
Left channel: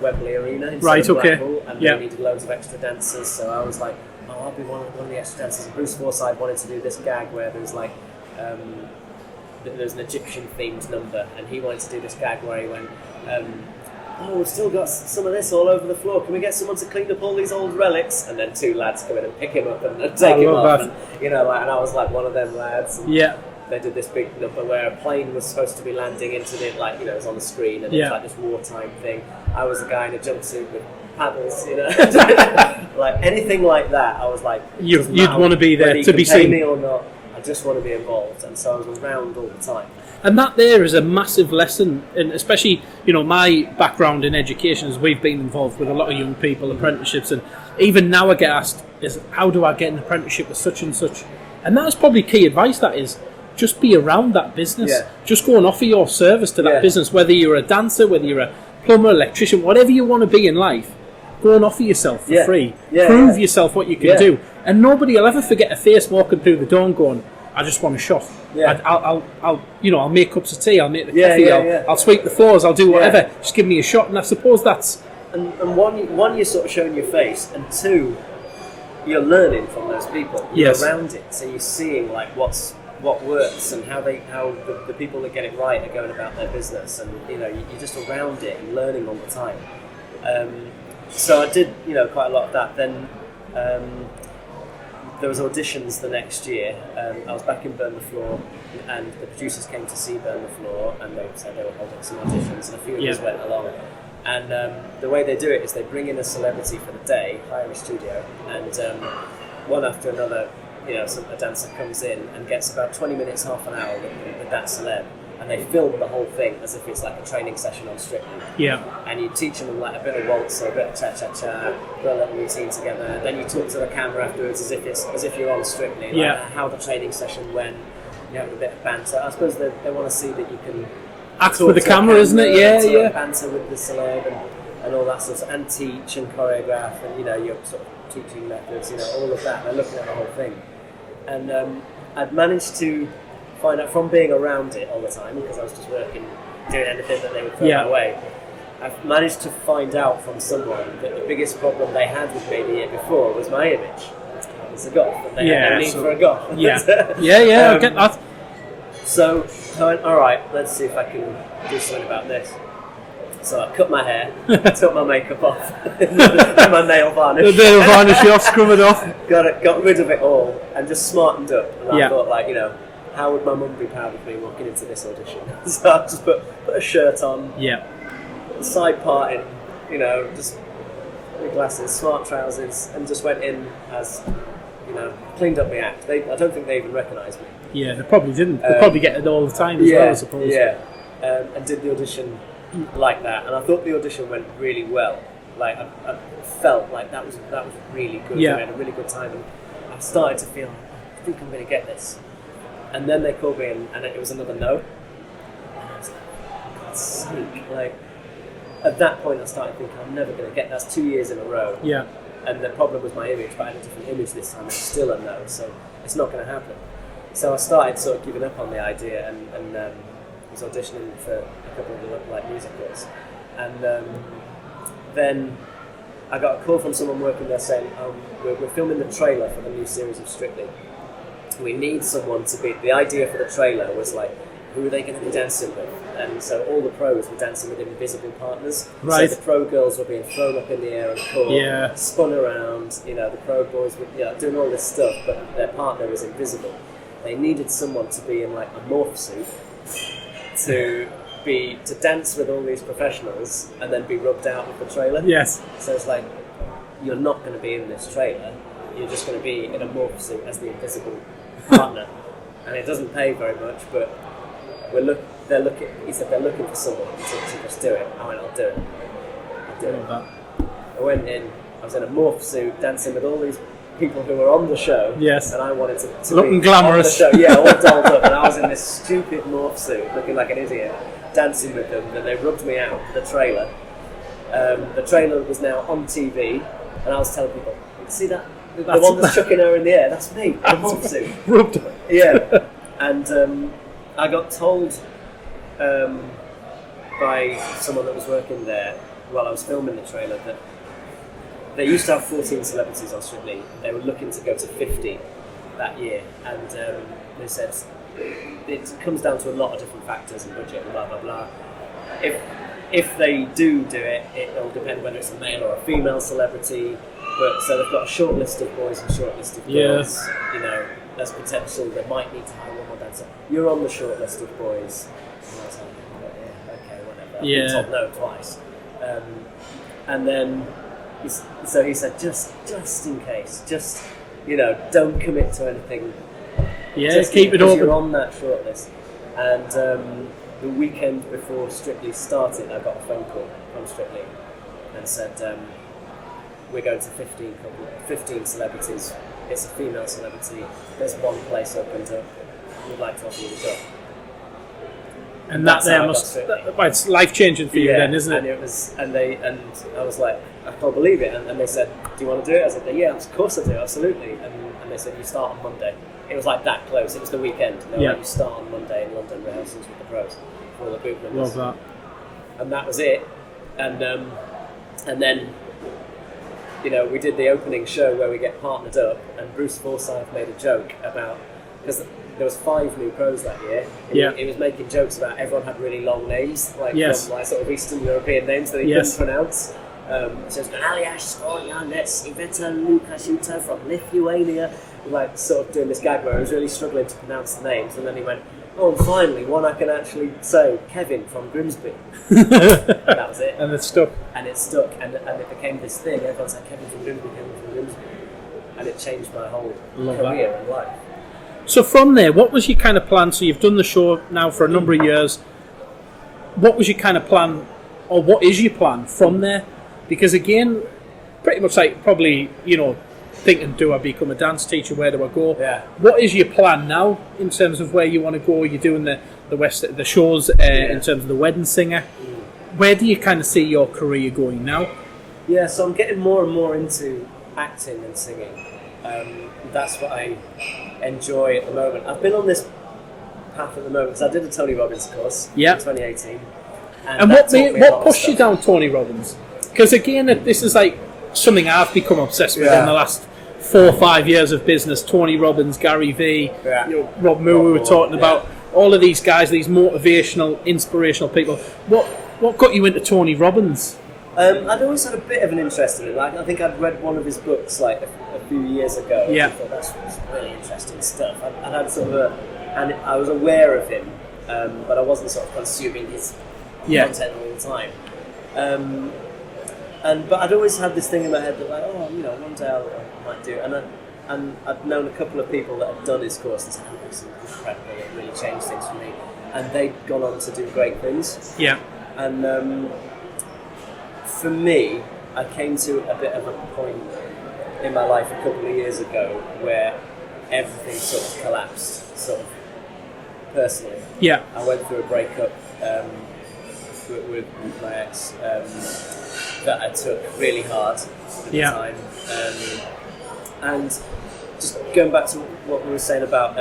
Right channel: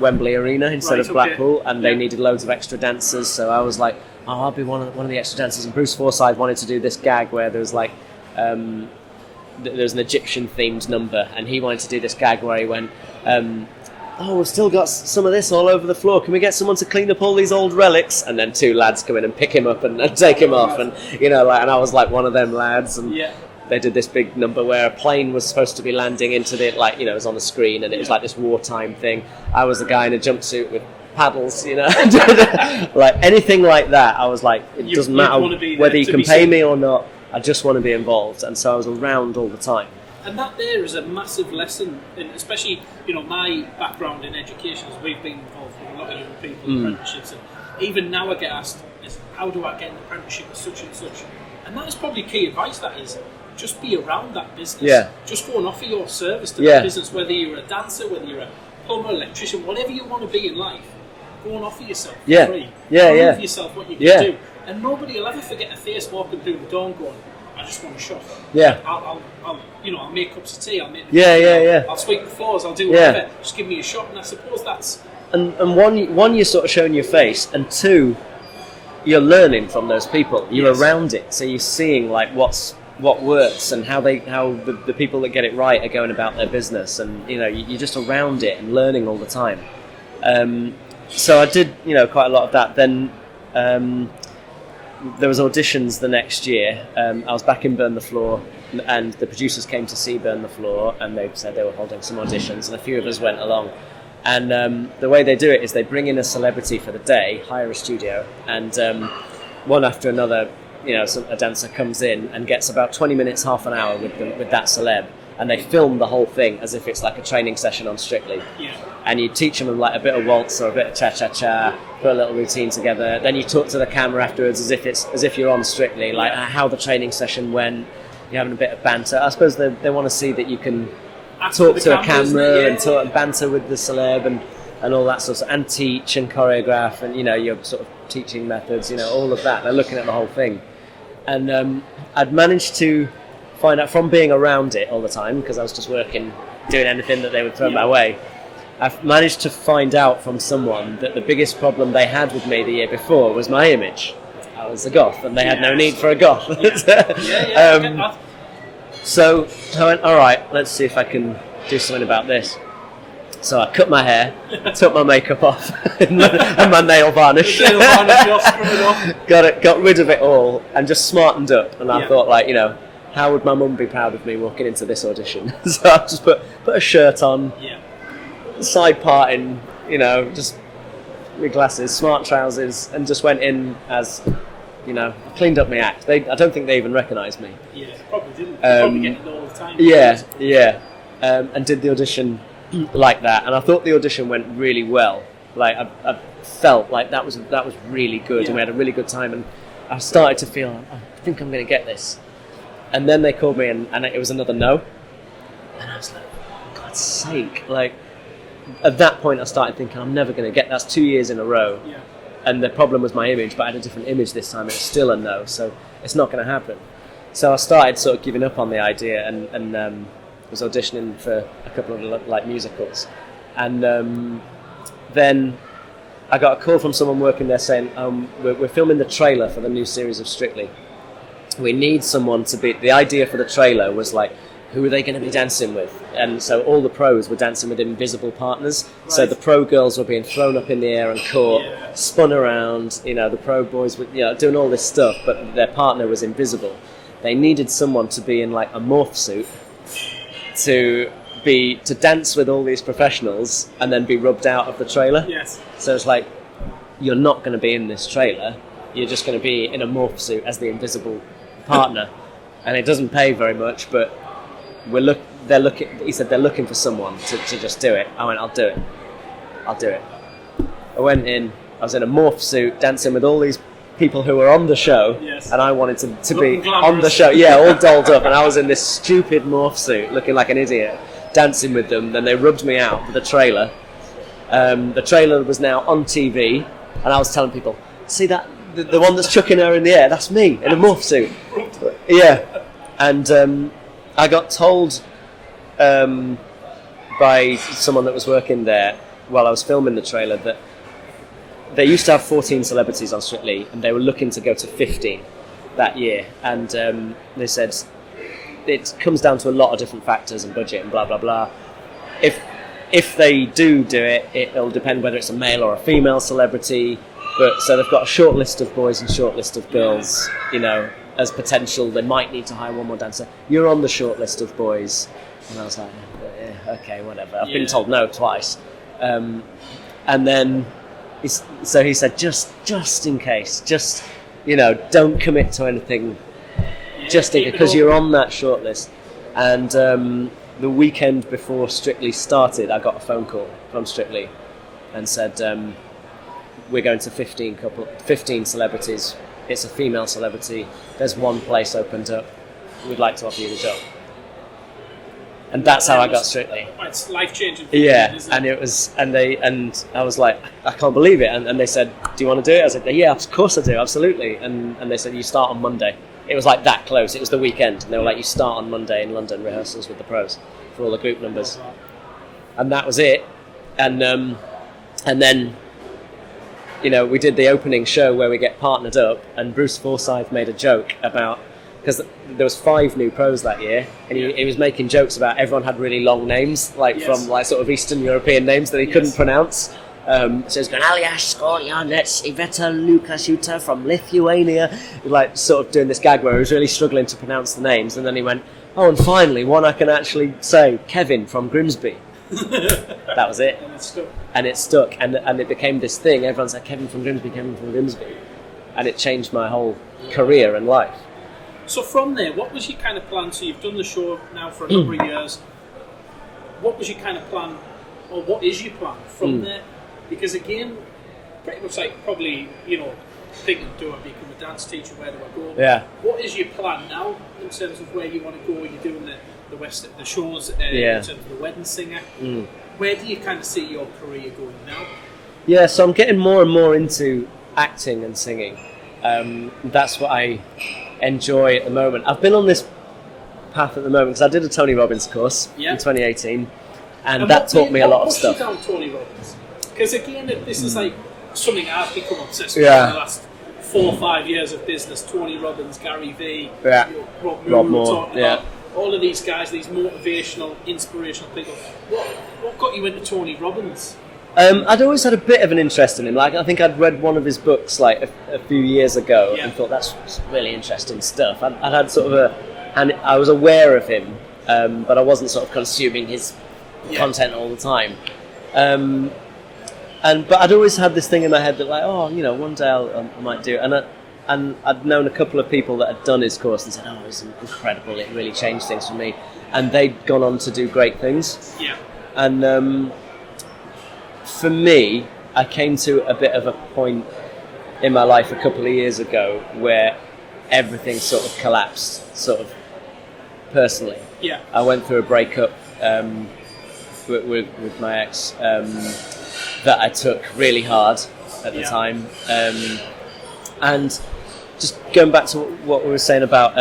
Wembley Arena instead of Blackpool, and they needed loads of extra dancers, so I was like, oh, I'll be one of the extra dancers. And Bruce Forsyth wanted to do this gag where there was there's an Egyptian themed number, and he wanted to do this gag where he went, oh, we've still got some of this all over the floor. Can we get someone to clean up all these old relics? And then two lads come in and pick him up and take him off. And and I was like one of them lads. And they did this big number where a plane was supposed to be landing into it was on the screen, and it was like this wartime thing. I was the guy in a jumpsuit with paddles, anything like that. I was like, it doesn't matter want to be there whether you to can be pay seen. me or not. I just want to be involved, and so I was around all the time. And that there is a massive lesson, and especially, my background in education is we've been involved with a lot of young people, apprenticeships, and even now I get asked, how do I get an apprenticeship with such and such? And that's probably key advice, that is, just be around that business. Yeah. Just go and offer your service to that business, whether you're a dancer, whether you're a plumber, electrician, whatever you want to be in life, go and offer yourself for free. Prove yourself what you can do. And nobody will ever forget a face walking through the door and going, I just want a shot. Yeah. I'll make cups of tea. I'll make the coffee. I'll sweep the floors. I'll do whatever. Yeah. Just give me a shot. And I suppose that's and one, you're sort of showing your face, and two, you're learning from those people. You're around it, so you're seeing what works and how the people that get it right are going about their business, and you're just around it and learning all the time. So I did quite a lot of that. Then there was auditions the next year. I was back in Burn the Floor, and the producers came to see Burn the Floor, and they said they were holding some auditions, and a few of us went along. And the way they do it is they bring in a celebrity for the day, hire a studio, and one after another, a dancer comes in and gets about 20 minutes, half an hour with that celeb. And they film the whole thing as if it's like a training session on Strictly. Yeah. And you teach them a bit of waltz or a bit of cha-cha-cha, put a little routine together. Then you talk to the camera afterwards as if you're on Strictly, how the training session went. You're having a bit of banter. I suppose they want to see that you can act for the camera, isn't it? And banter with the celeb and all that sort of, and teach and choreograph, and your sort of teaching methods, all of that. They're looking at the whole thing. And I'd managed to find out from being around it all the time, because I was just working, doing anything that they would throw my way. I've managed to find out from someone that the biggest problem they had with me the year before was my image. I was a goth, and they had no need for a goth. I get that. So I went, all right, let's see if I can do something about this. So I cut my hair, took my makeup off, and my nail varnish. The nail varnish off, scrub it off. Got rid of it all, and just smartened up. And I thought, how would my mum be proud of me walking into this audition? So I just put a shirt on, side parting, you know, just with glasses, smart trousers, and just went in as, you know, cleaned up my act. I don't think they even recognised me. Yeah, they probably didn't. They probably get it all the time. And did the audition like that, and I thought the audition went really well. Like I felt like that was really good. Yeah. And we had a really good time, and I started to feel, I think I'm going to get this. And then they called me, and it was another no. And I was like, for God's sake! Like at that point, I started thinking, I'm never going to get. That's 2 years in a row. Yeah. And the problem was my image, but I had a different image this time, and it's still a no. So it's not going to happen. So I started sort of giving up on the idea, and was auditioning for a couple of like musicals, and then I got a call from someone working there saying, we're filming the trailer for the new series of Strictly. We need someone to be... The idea for the trailer was like, who are they going to be dancing with? And so all the pros were dancing with invisible partners. Right. So the pro girls were being thrown up in the air and caught, spun around. You know, the pro boys were, you know, doing all this stuff, but their partner was invisible. They needed someone to be in like a morph suit to dance with all these professionals and then be rubbed out of the trailer. Yes. So it's like, you're not going to be in this trailer. You're just going to be in a morph suit as the invisible partner, and it doesn't pay very much. But they're looking. He said they're looking for someone to just do it. I went, I'll do it. I went in. I was in a morph suit, dancing with all these people who were on the show. Yes. And I wanted to looking be glamorous on the show. Yeah, all dolled up, and I was in this stupid morph suit, looking like an idiot, dancing with them. Then they rubbed me out with the trailer. The trailer was now on TV, and I was telling people, see that the one that's chucking her in the air, that's me in a morph suit. Rubbed her. Yeah. And I got told by someone that was working there while I was filming the trailer that they used to have 14 celebrities on Strictly, and they were looking to go to 50 that year. And they said it comes down to a lot of different factors and budget and blah blah blah. If they do it, it'll depend whether it's a male or a female celebrity. But so they've got a short list of boys and short list of girls. Yeah. You know, as potential, they might need to hire one more dancer. You're on the short list of boys, and I was like, yeah, okay, whatever. I've been told no twice, and then he said, just in case, just, you know, don't commit to anything. Yeah, just because you're on that short list. And the weekend before Strictly started, I got a phone call from Strictly and said, we're going to 15 celebrities. It's a female celebrity. There's one place opened up. We'd like to offer you the job. And that's how I got Strictly. It's life-changing for you then, isn't it? And it was, and I was like, I can't believe it. And they said, do you want to do it? I said, yeah, of course I do, absolutely. And they said, you start on Monday. It was like that close. It was the weekend. And they were like, you start on Monday in London, rehearsals with the pros for all the group numbers. Love that. And that was it. And then, you know, we did the opening show where we get partnered up, and Bruce Forsyth made a joke about, because there was 5 new pros that year, and he was making jokes about everyone had really long names, from like sort of Eastern European names that he couldn't pronounce. So he's going, Aliash Skorjanets, Iveta Lukashuta from Lithuania, like sort of doing this gag where he was really struggling to pronounce the names, and then he went, oh, and finally one I can actually say, Kevin from Grimsby. That was it. And it stuck. And it stuck, and it became this thing. Everyone said, Kevin from Grimsby. And it changed my whole career and life. So from there, what was your kind of plan? So you've done the show now for a number of years. What was your kind of plan, or what is your plan from there? Because again, pretty much like probably, you know, thinking, do I become a dance teacher? Where do I go? Yeah. What is your plan now in terms of where you want to go? You're doing the shows in terms of the wedding singer. Where do you kind of see your career going now? Yeah, so I'm getting more and more into acting and singing. That's what I enjoy at the moment. I've been on this path at the moment because I did a Tony Robbins course in 2018, and that taught me a lot of stuff. What pushed you down Tony Robbins? Because again, this is like something I've become obsessed with in the last 4 or 5 years of business. Tony Robbins, Gary Vee, Rob Moore, we were talking about. All of these guys, these motivational, inspirational people. What got you into Tony Robbins? I'd always had a bit of an interest in him. Like, I think I'd read one of his books like a few years ago. And I thought that's really interesting stuff. I'd had sort of and I was aware of him, but I wasn't sort of consuming his content all the time. But I'd always had this thing in my head that like, oh, one day I might do it. And I'd known a couple of people that had done his course and said, oh, it was incredible, it really changed things for me. And they'd gone on to do great things. Yeah. And for me, I came to a bit of a point in my life a couple of years ago where everything sort of collapsed, sort of personally. Yeah. I went through a breakup with my ex that I took really hard at the time. And just going back to what we were saying about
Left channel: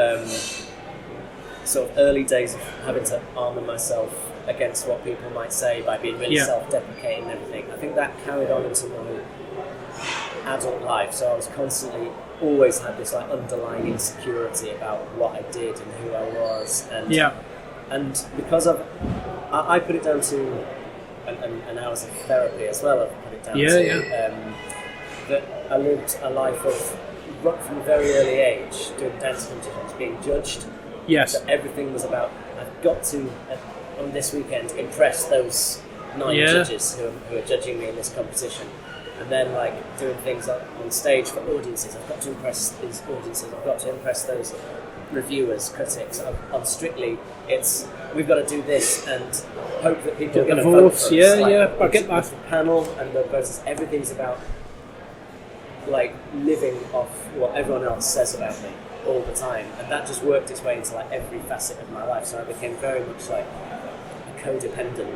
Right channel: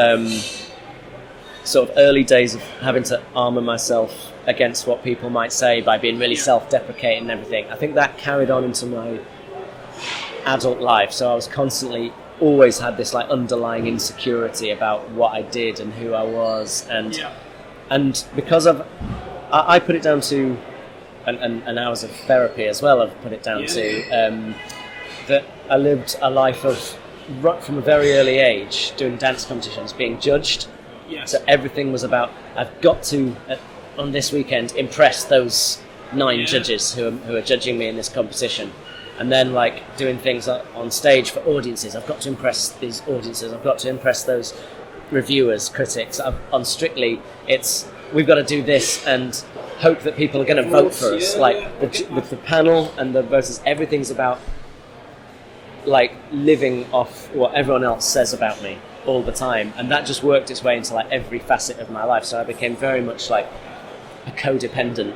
sort of early days of having to armour myself against what people might say by being really self-deprecating and everything, I think that carried on into my adult life. So I was constantly, always had this like underlying insecurity about what I did and who I was, and because of I put it down to and hours of therapy as well, I've put it down to that I lived a life of, right from a very early age, doing dance competitions, being judged. Yes. So everything was about, I've got to, on this weekend, impress those 9 judges who are judging me in this competition. And then like doing things like on stage for audiences, I've got to impress these audiences, I've got to impress those reviewers, critics. On Strictly, it's, we've got to do this and hope that people are going to vote for us. With the panel and the voters, everything's about like living off what everyone else says about me all the time, and that just worked its way into like every facet of my life. So I became very much like a codependent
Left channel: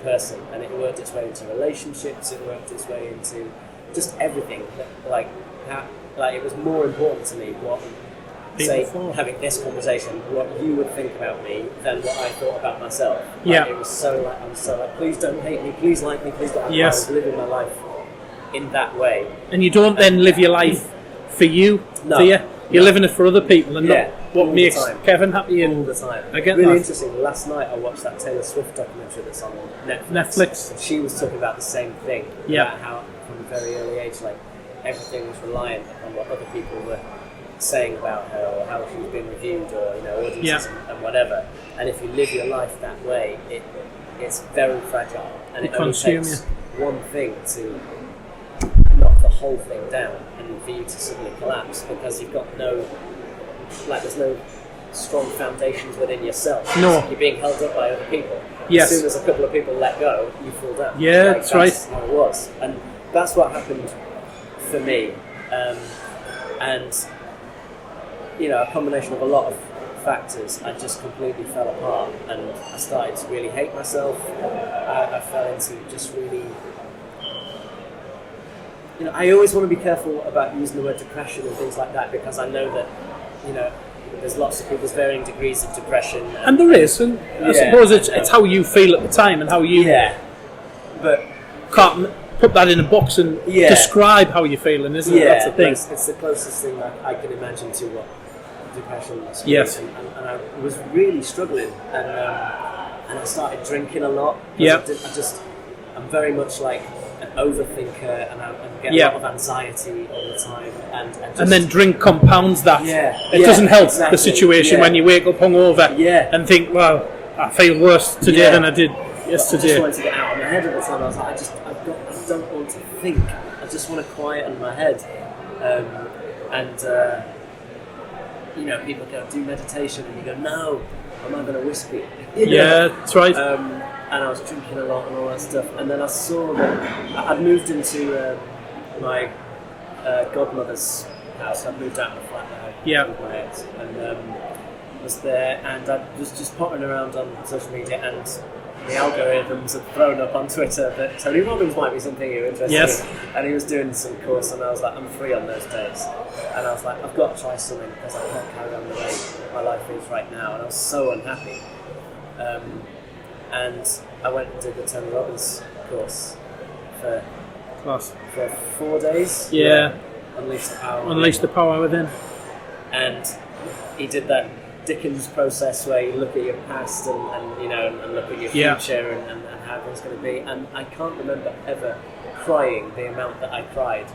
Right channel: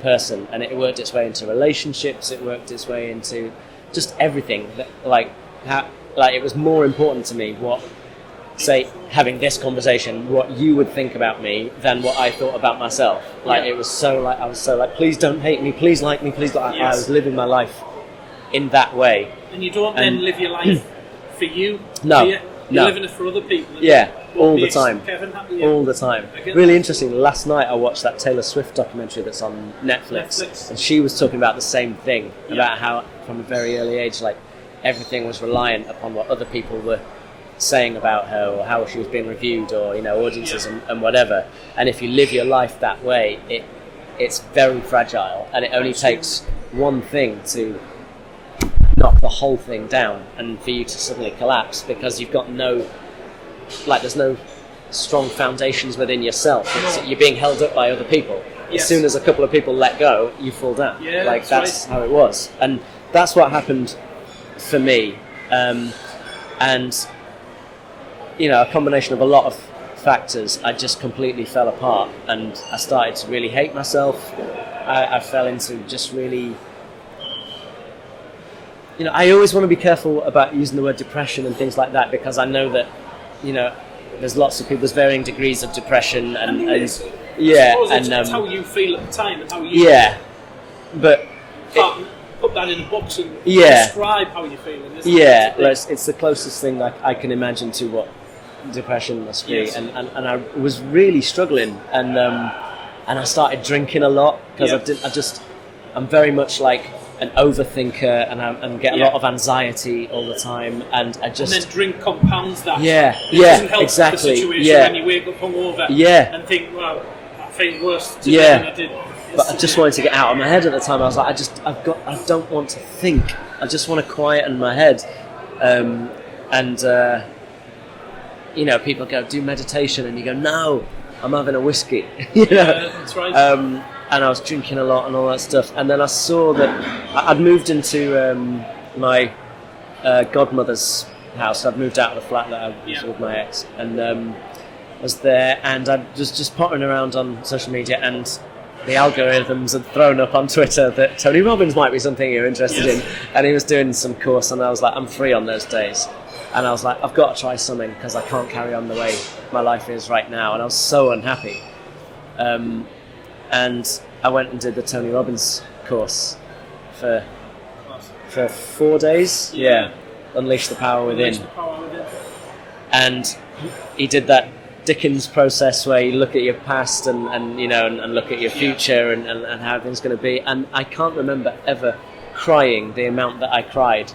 person, and it worked its way into relationships, it worked its way into just everything. Like it was more important to me what, say, having this conversation, what you would think about me than what I thought about myself. It was so like, I was so like, please don't hate me, please like me, please like. I was living my life in that way. And you don't then live your life for you. No. Do you? You're living it for other people. And all the time. Kevin happy. All the time. Really interesting. Last night I watched that Taylor Swift documentary that's on Netflix. And she was talking about the same thing, about how from a very early age, like everything was reliant upon what other people were saying about her, or how she was being reviewed, or audiences and whatever. And if you live your life that way, it's very fragile, and it only takes one thing to knock the whole thing down and for you to suddenly collapse, because you've got there's no strong foundations within yourself. So you're being held up by other people. As soon as a couple of people let go, you fall down. That's right. How it was, and that's what happened for me. And a combination of a lot of factors, I just completely fell apart, and I started to really hate myself. I fell into just really, I always want to be careful about using the word depression and things like that, because I know that, there's lots of people, there's varying degrees of depression. And there is. And I suppose it's how you feel at the time and how you... But... Can't put that in a box and describe how you're feeling, isn't it? It's the closest thing I can imagine to what depression must be. And I was really struggling, and I started drinking a lot, because I'm very much like an overthinker, and get a lot of anxiety all the time, and then drink compounds that. It doesn't help the situation when you wake up hungover and think, well, I feel worse today than I did yesterday. But I just wanted to get out of my head at the time. I was like, I don't want to think. I just want to quieten my head. People go, do meditation, and you go, no, I'm having a whiskey. That's right. And I was drinking a lot and all that stuff. And then I saw that I'd moved into my godmother's house. I'd moved out of the flat that I was with my ex, and was there. And I was just pottering around on social media, and the algorithms had thrown up on Twitter that Tony Robbins might be something you're interested in. And he was doing some course, and I was like, I'm free on those days. And I was like, I've got to try something, because I can't carry on the way my life is right now. And I was so unhappy. And I went and did the Tony Robbins course for 4 days. Unleash the Power Within. Unleash the Power Within. And he did that Dickens process where you look at your past and look at your future and how everything's going to be. And I can't remember ever crying the amount that I cried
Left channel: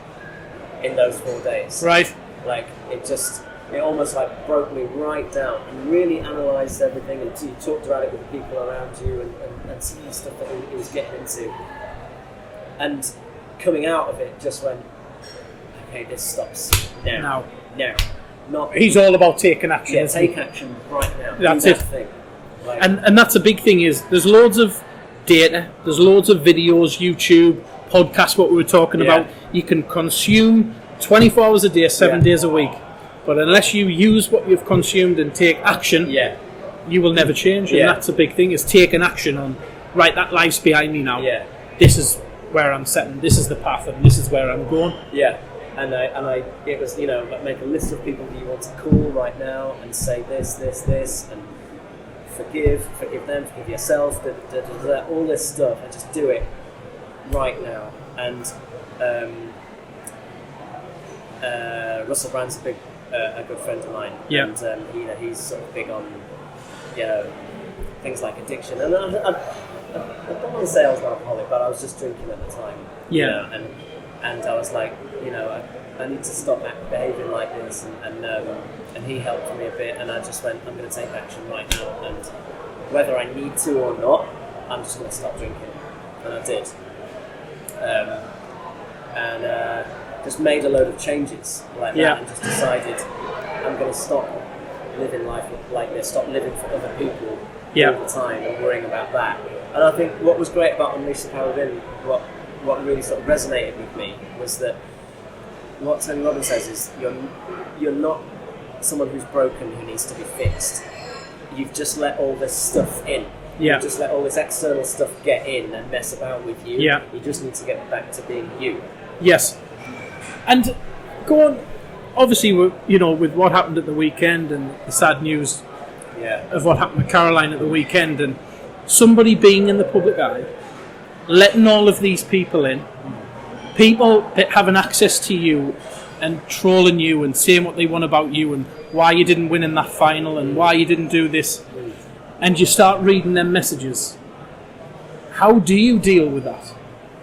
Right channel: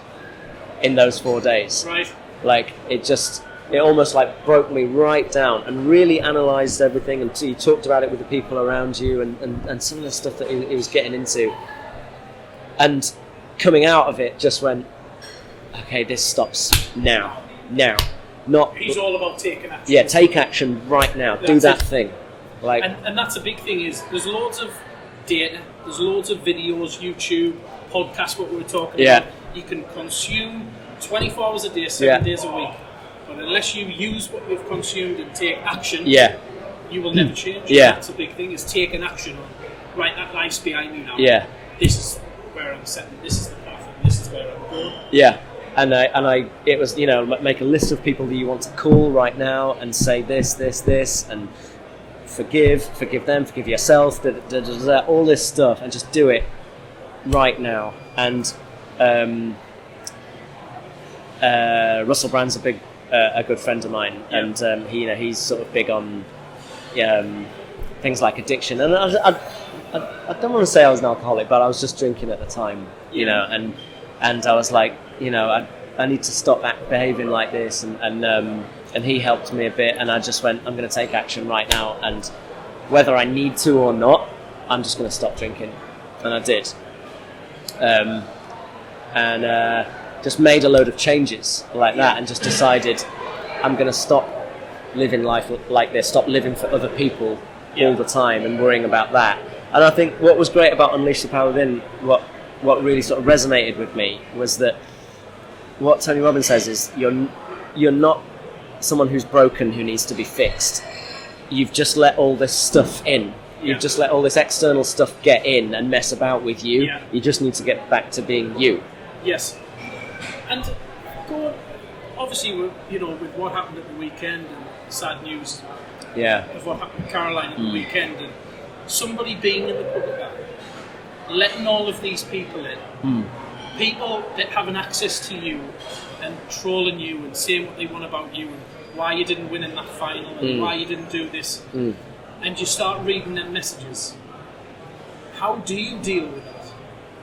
in those 4 days. Right. Like, it just... it almost like broke me right down, and really analysed everything, and so you talked about it with the people around you, and some of the stuff that he was getting into, and coming out of it just went, okay, this stops now. Not he's all about taking action. Yeah, take action right now. Do that thing. Like, and that's a big thing. Is there's loads of data, there's loads of videos, YouTube, podcasts. What we were talking about, you can consume 24 hours a day, 7 days a week. But unless you use what you've consumed and take action, you will never change. And that's a big thing, is taking action on, right, that life's behind me now. Yeah. This is where I'm setting, this is the path, and this is where I'm going. Yeah. And it was, make a list of people that you want to call right now and say this, and forgive them, forgive yourself, all this stuff, and just do it right now. And Russell Brand's a good friend of mine, and he's sort of big on things like addiction. And I don't want to say I was an alcoholic, but I was just drinking at the time, and I was like, I need to stop behaving like this, and he helped me a bit, and I just went, I'm going to take action right now, and whether I need to or not, I'm just going to stop drinking, and I did, and just made a load of changes like that, and just decided I'm going to stop living life like this, stop living for other people all the time and worrying about that. And I think what was great about Unleash the Power Within, what really sort of resonated with me, was that what Tony Robbins says is you're not someone who's broken who needs to be fixed. You've just let all this stuff in. You've just let all this external stuff get in and mess about with you. Yeah. You just need to get back to being you. Yes. And go on, obviously, with what happened at the weekend and the sad news of what happened with Caroline at the weekend, and somebody being in the public eye, letting all of these people in, people that having access to you and trolling you and saying what they want about you and why you didn't win in that final and why you didn't do this, and you start reading them messages. How do you deal with that?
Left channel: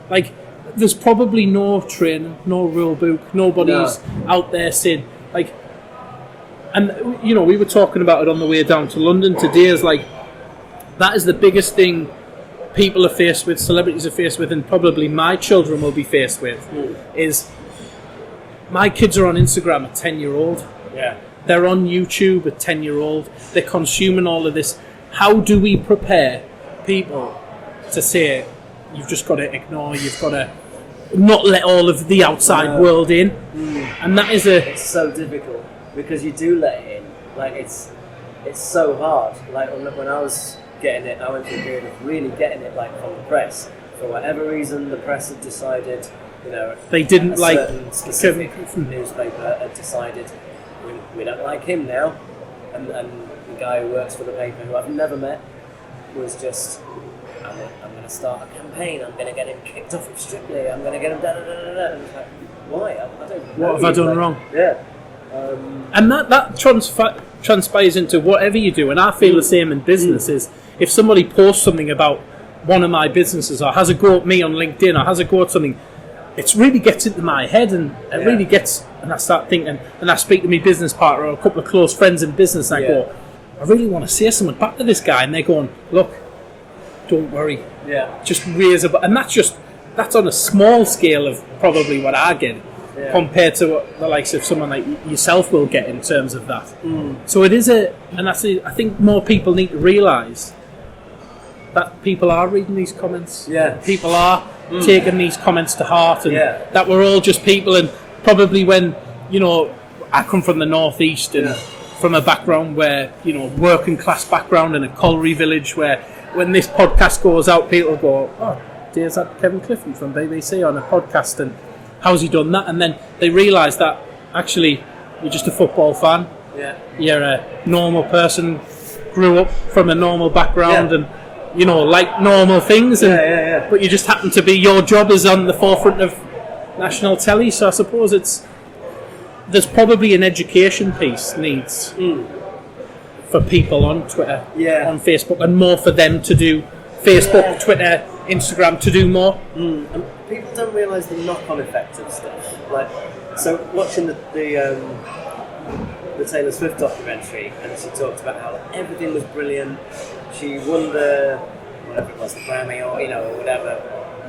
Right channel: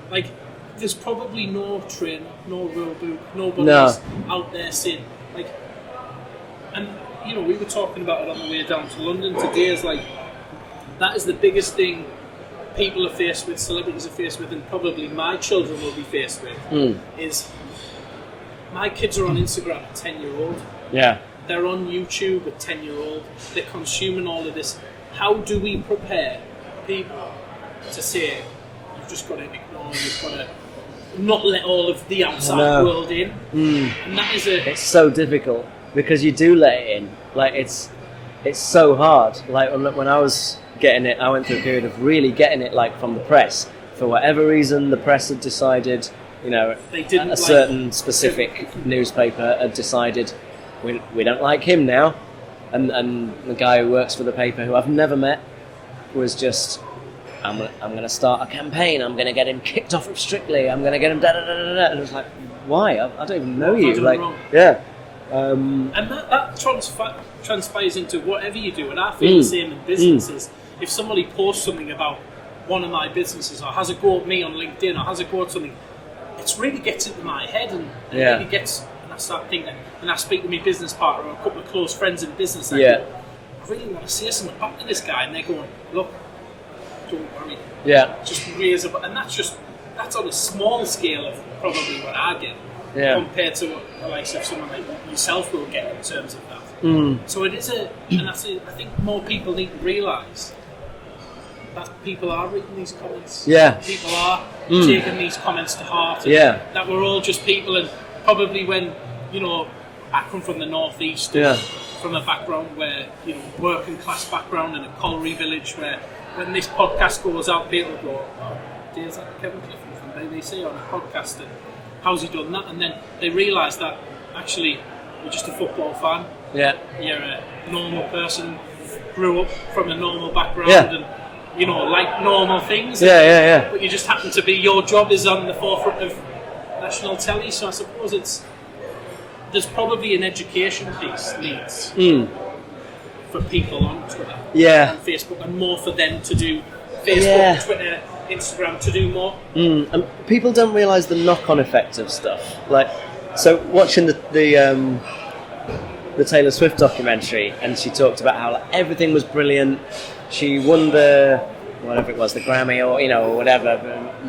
Like, there's probably no training, no rule book, nobody's out there saying, like, and we were talking about it on the way down to London today, is like, that is the biggest thing people are faced with, celebrities are faced with, and probably my children will be faced with, is my kids are on Instagram at 10-year-old. Yeah. They're on YouTube at 10-year-old. They're consuming all of this. How do we prepare people to say, you've just got to ignore, you've got to not let all of the outside world in? And that is it's so difficult, because you do let it in. Like, it's so hard. Like, when I was getting it, I went through a period of really getting it, like, from the press. For whatever reason, the press had decided, they didn't, a certain specific newspaper had decided, we don't like him now. And the guy who works for the paper, who I've never met, was just, I'm going to start a campaign, I'm going to get him kicked off of Strictly, I'm going to get him da-da-da-da-da. And it's like, why? I don't even know what you. What have I done wrong? Yeah. And that transpires into whatever you do, and I feel the same in businesses. If somebody posts something about one of my businesses, or has a go at me on LinkedIn, or has a go at something, it really gets into my head, and it really gets, and I start thinking, and I speak to my business partner or a couple of close friends in business, and I go, I really want to say something back to this guy, and they're going, look, don't worry, just raise a, and that's on a small scale of probably what I get. Compared to what the likes of someone like yourself will get in terms of that. So it is and that's I think more people need to realise that people are reading these comments. People are taking these comments to heart, and that we're all just people. And probably when I come from the northeast and from a background where working class background in a colliery village, where when this podcast goes out, people go, oh, there's that Kevin Clifton from BBC on a podcast, and how's he done that? And then they realise that actually you're just a football fan. You're a normal person, grew up from a normal background, and like normal things. And, but you just happen to be, your job is on the forefront of national telly. So I suppose there's probably an education piece needs for people on Twitter, on Facebook, and more for them to do Facebook, Twitter, Instagram, to do more. And people don't realise the knock-on effect of stuff. Like, so watching the the Taylor Swift documentary, and she talked about how like, everything was brilliant. She won the whatever it was, the Grammy or or whatever,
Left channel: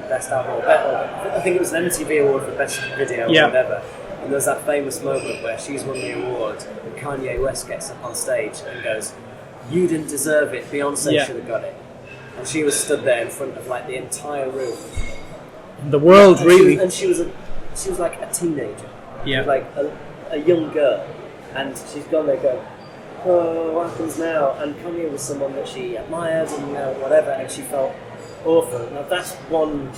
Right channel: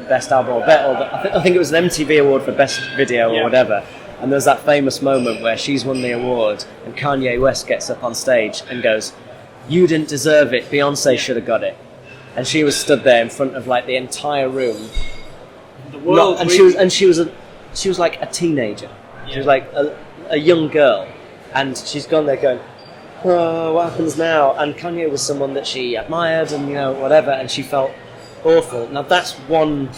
best album or I think it was an MTV award for best video or whatever. And there's that famous moment where she's won the award, and Kanye West gets up on stage and goes, "You didn't deserve it. Beyonce should have got it." And she was stood there in front of like the entire room. The world and really. She was like a teenager. Yeah. She was like a young girl, and she's gone there going, "Oh, what happens now?" And Kanye was someone that she admired, and whatever, and she felt awful. Now that's one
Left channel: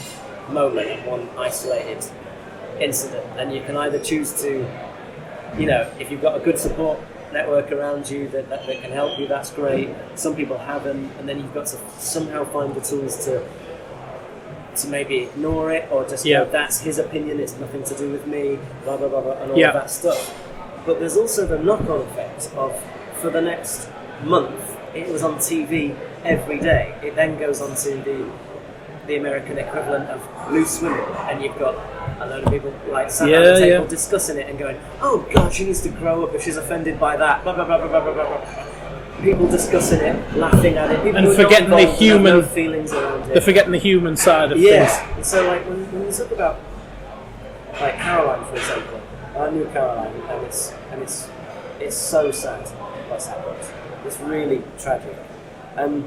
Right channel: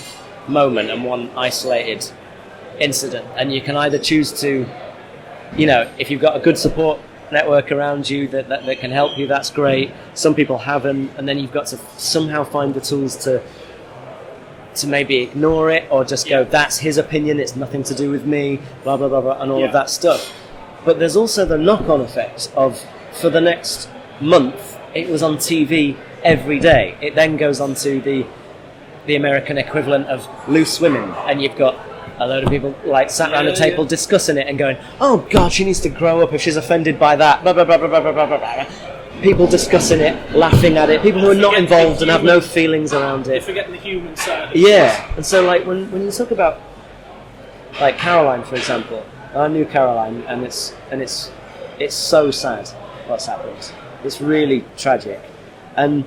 moment and one isolated incident, and you can either choose to, if you've got a good support network around you that can help you, that's great. Some people haven't, and then you've got to somehow find the tools to maybe ignore it or just go, that's his opinion, it's nothing to do with me, blah blah blah blah, and all of that stuff. But there's also the knock-on effect of, for the next month it was on TV every day. It then goes on to the American equivalent of Loose Women, and you've got a load of people like sat around the table discussing it and going, "Oh God, she needs to grow up if she's offended by that." Blah blah blah blah blah blah blah blah. People discussing it, laughing at it. People who are not involved and have no feelings around it. They're forgetting the human side of things. And so like when you talk about like Caroline, for example, I knew Caroline, and it's so sad what's happened. It's really tragic, and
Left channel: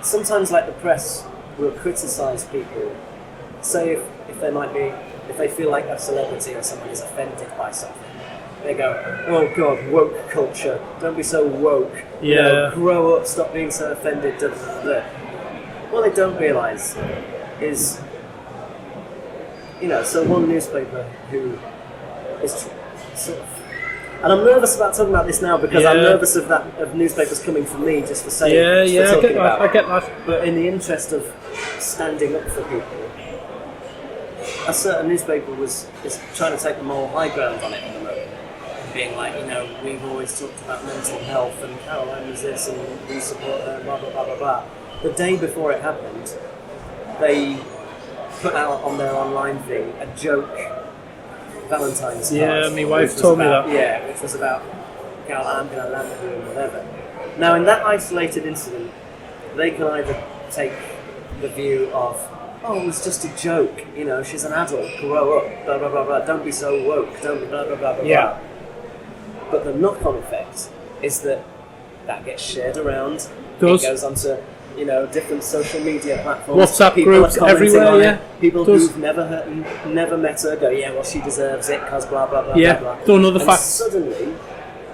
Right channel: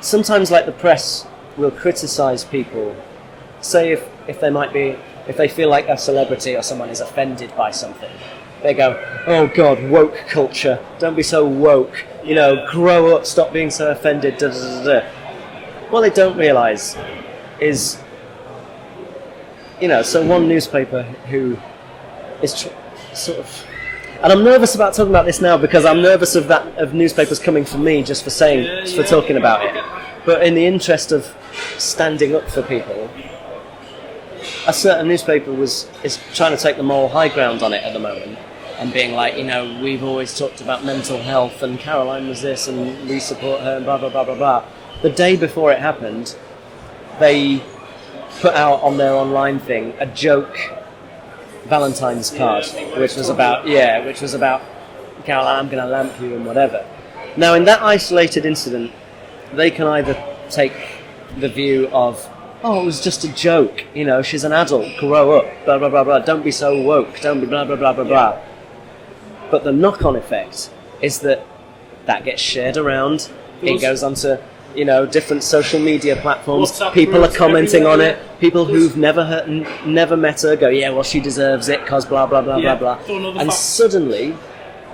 sometimes like the press will criticise people. Say if they feel like a celebrity or someone is offended by something, they go, "Oh God, woke culture! Don't be so woke. Grow up. Stop being so offended." Da, da, da, da. What they don't realise is, so one newspaper who is sort of, and I'm nervous about talking about this now because I'm nervous of newspapers coming for me just for saying, for talking about it. But in the interest of standing up for people, a certain newspaper is trying to take the moral high ground on it at the moment and being like, we've always talked about mental health and Caroline was this and we support her and blah, blah, blah, blah, blah. The day before it happened, they put out on their online thing a joke Valentine's card, which was about Caroline, I'm going to lamp you and whatever. Now, in that isolated incident, they can either take the view of, "Oh, it was just a joke, she's an adult, grow up, blah, blah, blah, blah, don't be so woke, don't be blah, blah, blah, blah, blah." But the knock-on effect is that gets shared around, it goes onto, different social media platforms, WhatsApp people are commenting on it, people who've never met her go, "Yeah, well, she deserves it, cause blah, blah, blah, blah, blah." And suddenly,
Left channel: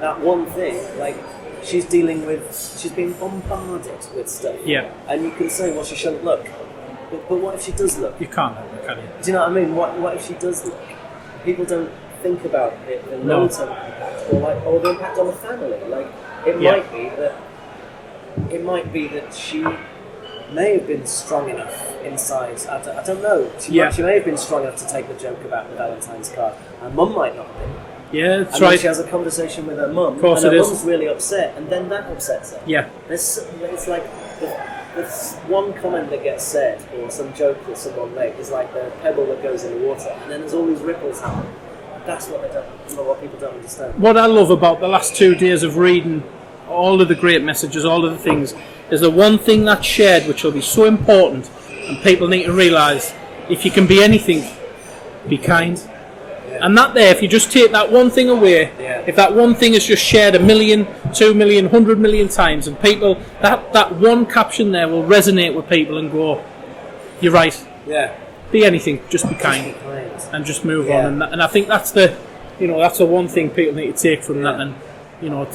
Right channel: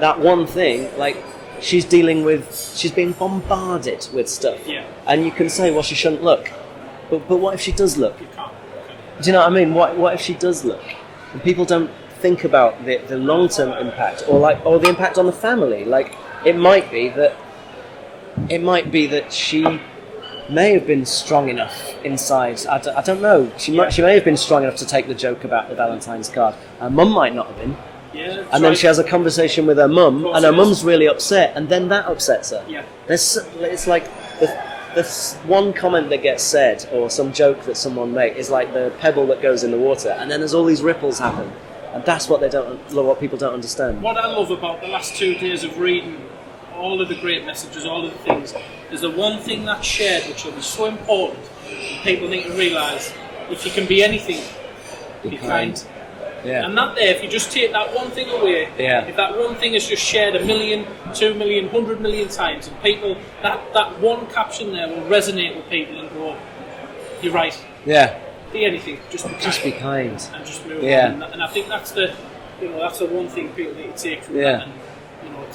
that one thing, like, she's being bombarded with stuff. Yeah. And you can say, well, she shouldn't look. But what if she does look? You can't, can you? Do you know what I mean? What if she does look? And people don't think about the long-term impact or the impact on the family. Like, it might be that she may have been strong enough inside. I don't know. She may have been strong enough to take the joke about the Valentine's card. Her mum might not have been. Yeah, that's and then she has a conversation with her mum, and her mum's really upset, and then that upsets her. Yeah. It's like this one comment that gets said, or some joke that someone makes, is like the pebble that goes in the water, and then there's all these ripples happen, and that's what people don't understand. What I love about the last 2 days of reading all of the great messages, all of the things, is the one thing that's shared, which will be so important, and people need to realise: if you can be anything, be kind. Yeah. And that there, if you just take that one thing away, if that one thing is just shared 1 million, 2 million, 100 million times, and people, that one caption there will resonate with people and go, "You're right. Yeah. Be anything, just be kind. Just be kind. And just move on." And I think that's the one thing people need to take from that. And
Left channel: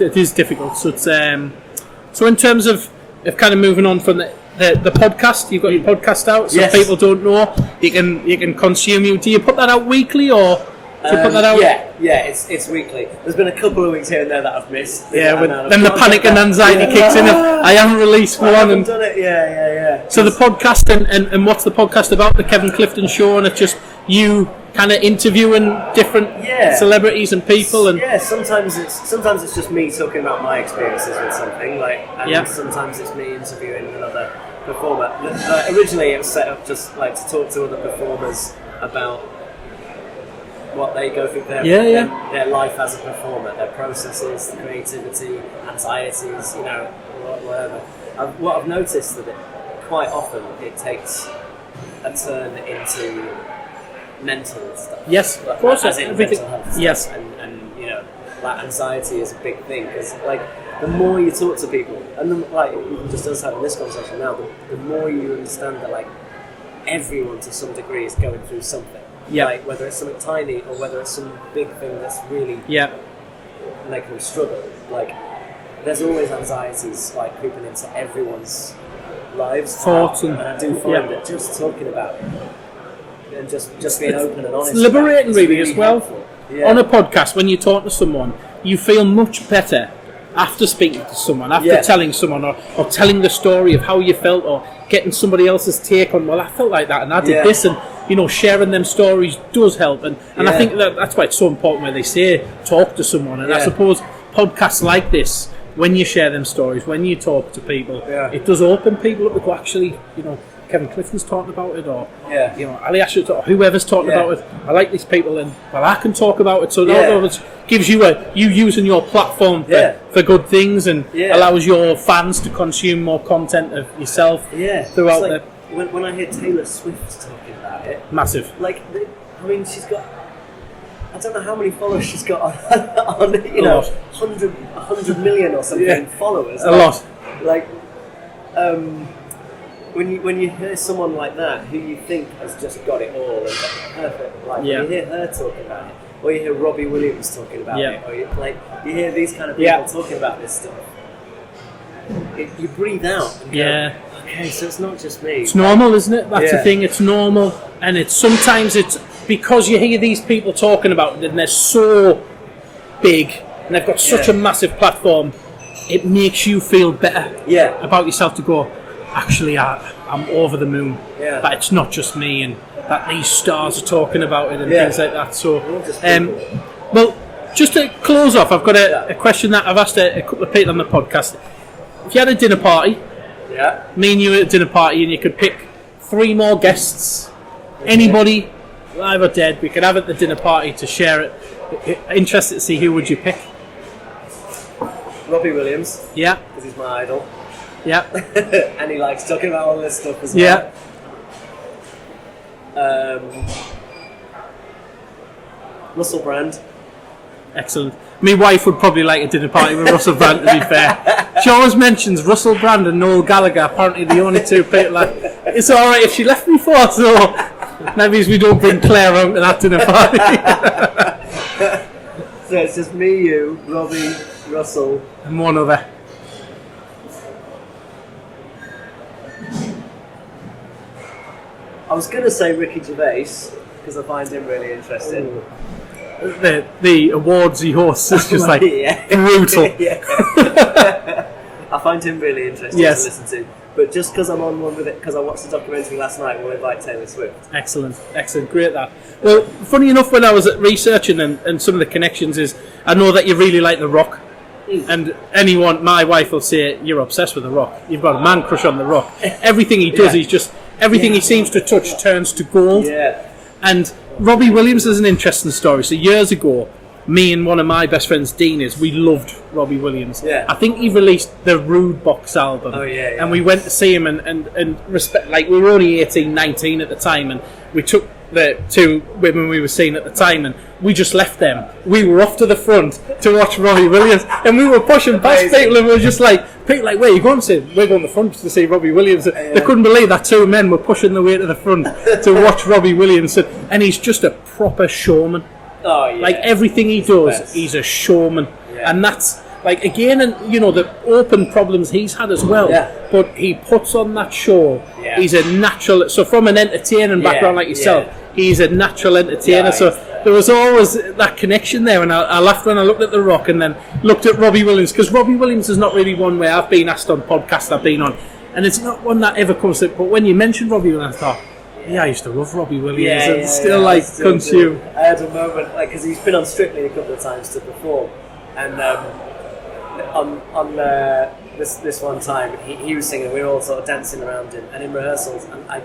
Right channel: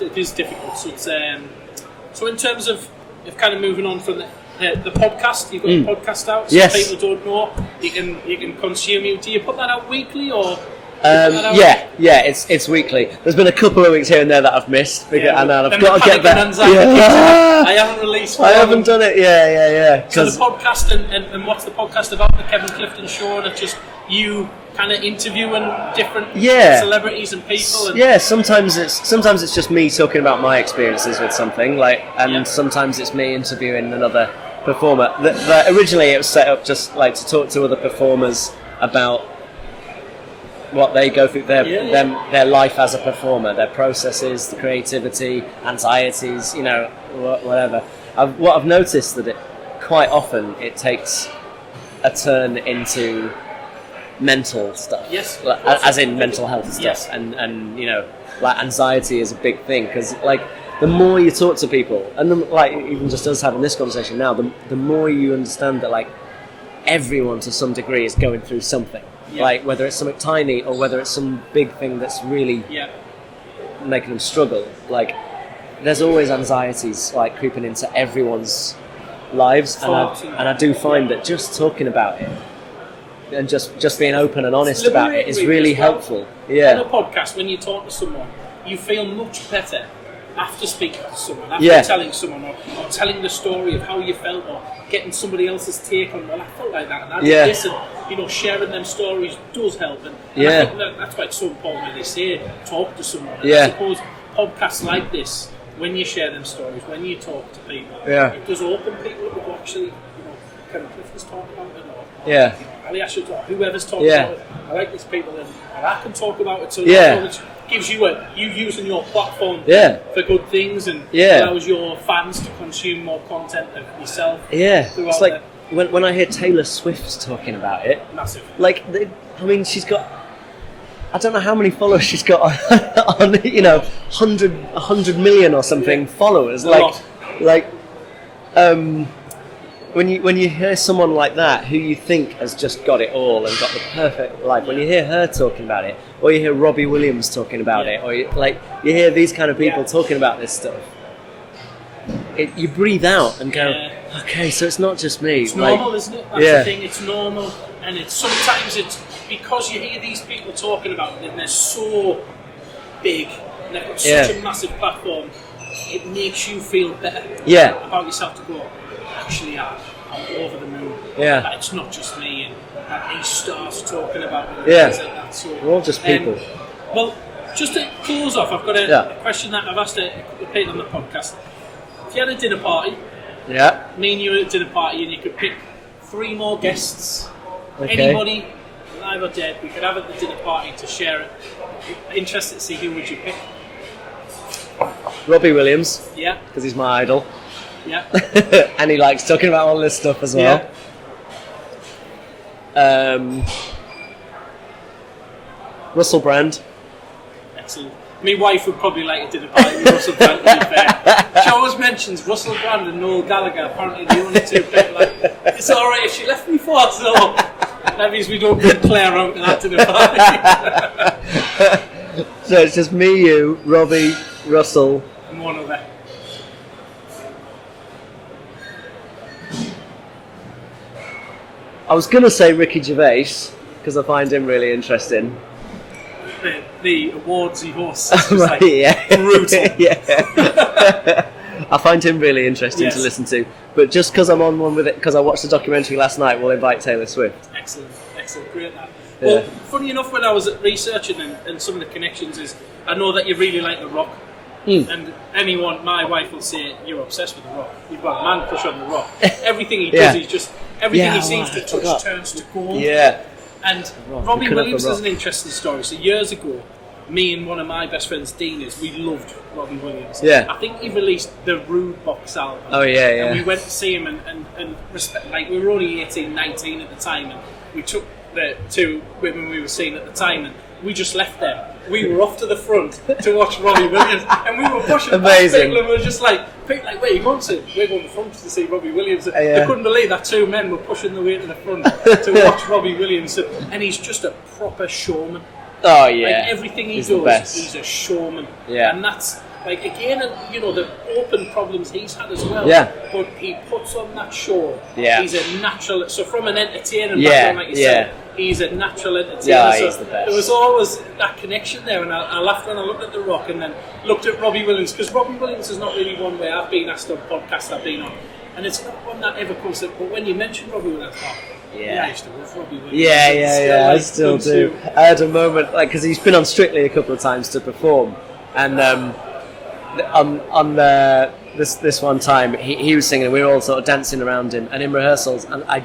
it is difficult. So it's so in terms of kind of moving on from the podcast, you've got your podcast out, so people don't know, you can consume you. Do you put that out weekly or? It's weekly. There's been a couple of weeks here and there that I've missed. Then the panic and anxiety kicks in. I haven't released one. I haven't done it. Yeah. So the podcast and what's the podcast about? The Kevin Clifton Show, and it's just you kind of interviewing different celebrities and people. And sometimes it's just me talking about my experiences with something, and sometimes it's me interviewing another performer. Originally, it was set up just like to talk to other performers about what they go through, their life as a performer, their processes, the creativity, anxieties, whatever. What I've noticed that quite often it takes a turn into mental stuff. Yes, as in mental health stuff. Yes, and like anxiety is a big thing, because like the more you talk to people, and like even just us having this conversation now, the more you understand that like everyone to some degree is going through something. Yeah. Like whether it's something tiny or whether it's some big thing that's really making them struggle. Like there's always anxieties like creeping into everyone's lives, and I do find that just talking about it and just being open and honest about it is really helpful. On a podcast, when you talk to someone, you feel much better after speaking to someone, after telling someone, or telling the story of how you felt, or getting somebody else's take on, well, I felt like that and I did this, and sharing them stories does help, and I think that's why it's so important when they say talk to someone, and I suppose podcasts like this, when you share them stories, when you talk to people, it does open people up to go, actually, Kevin Clifton's talking about it, or Ali Asher, or whoever's talking about it. I like these people, and I can talk about it. So it gives you you using your platform for good things, and allows your fans to consume more content of yourself. Yeah, throughout. It's like when I hear Taylor Swift talking about it, massive. Like, she's got. I don't know how many followers she's got on 100 million or something followers. A lot. Like, when you hear someone like that who you think has just got it all and got the perfect life, when you hear her talking about it, or you hear Robbie Williams talking about it, or you hear these kind of people talking about this stuff, you breathe out and go, okay, so it's not just me. It's normal, isn't it? That's the thing. It's normal, and sometimes it's because you hear these people talking about it, and they're so big, and they've got such a massive platform. It makes you feel better about yourself to go, actually, I'm over the moon. Yeah. That it's not just me, and that these stars are talking about it, and things like that. So, we're all just people. Well, just to close off, I've got a question that I've asked a couple of people on the podcast. If you had a dinner party, me and you at a dinner party, and you could pick 3 more guests, anybody, live or dead, we could have at the dinner party to share it. Interested to see who would you pick? Robbie Williams. Yeah. Because he's my idol. Yeah. And he likes talking about all this stuff as well. Yeah. Russell Brand. Excellent. My wife would probably like a dinner party with Russell Brand, to be fair. She always mentions Russell Brand and Noel Gallagher, apparently the only 2 people. It's alright if she left me for, so that means we don't bring Claire around to that dinner party. So it's just me, you, Robbie, Russell, and one other. I was going to say Ricky Gervais, because I find him really interesting. The awards he hosts is just brutal. I find him really interesting to listen to. But just because I'm on one with it, because I watched the documentary last night, we'll invite Taylor Swift. Excellent, great that. Well, funny enough, when I was researching and some of the connections is, I know that you really like The Rock. And my wife will say, you're obsessed with The Rock. You've got a man crush on The Rock. Everything he does, he's just, everything he seems to touch turns to gold. Yeah. And Robbie Williams is an interesting story. So years ago, me and one of my best friends, Dean, we loved Robbie Williams. Yeah. I think he released the Rude Box album. Oh, yeah. And we went to see him and respect, like, we were only 18, 19 at the time, and we took the 2 women we were seeing at the time, and we just left them. We were off to the front to watch Robbie Williams, and we were pushing past people, and we were just like, where are you going to? We're going to the front to see Robbie Williams. They couldn't believe that 2 men were pushing their way to the front to watch Robbie Williams, and he's just a proper showman. Oh yeah, like everything he does, he's a showman, and that's like again, and the open problems he's had as well. Yeah, but he puts on that show. Yeah, he's a natural. So from an entertaining background like yourself, he's a natural entertainer. Yeah, so there was always that connection there, and I laughed when I looked at The Rock and then looked at Robbie Williams, because Robbie Williams is not really one where I've been asked on podcasts I've been on, and it's not one that ever comes to. But when you mentioned Robbie Williams, I thought, I used to love Robbie Williams. I still do. I had a moment, because he's been on Strictly a couple of times to perform, and on this one time he was singing, and we were all sort of dancing around him, and in rehearsals, and I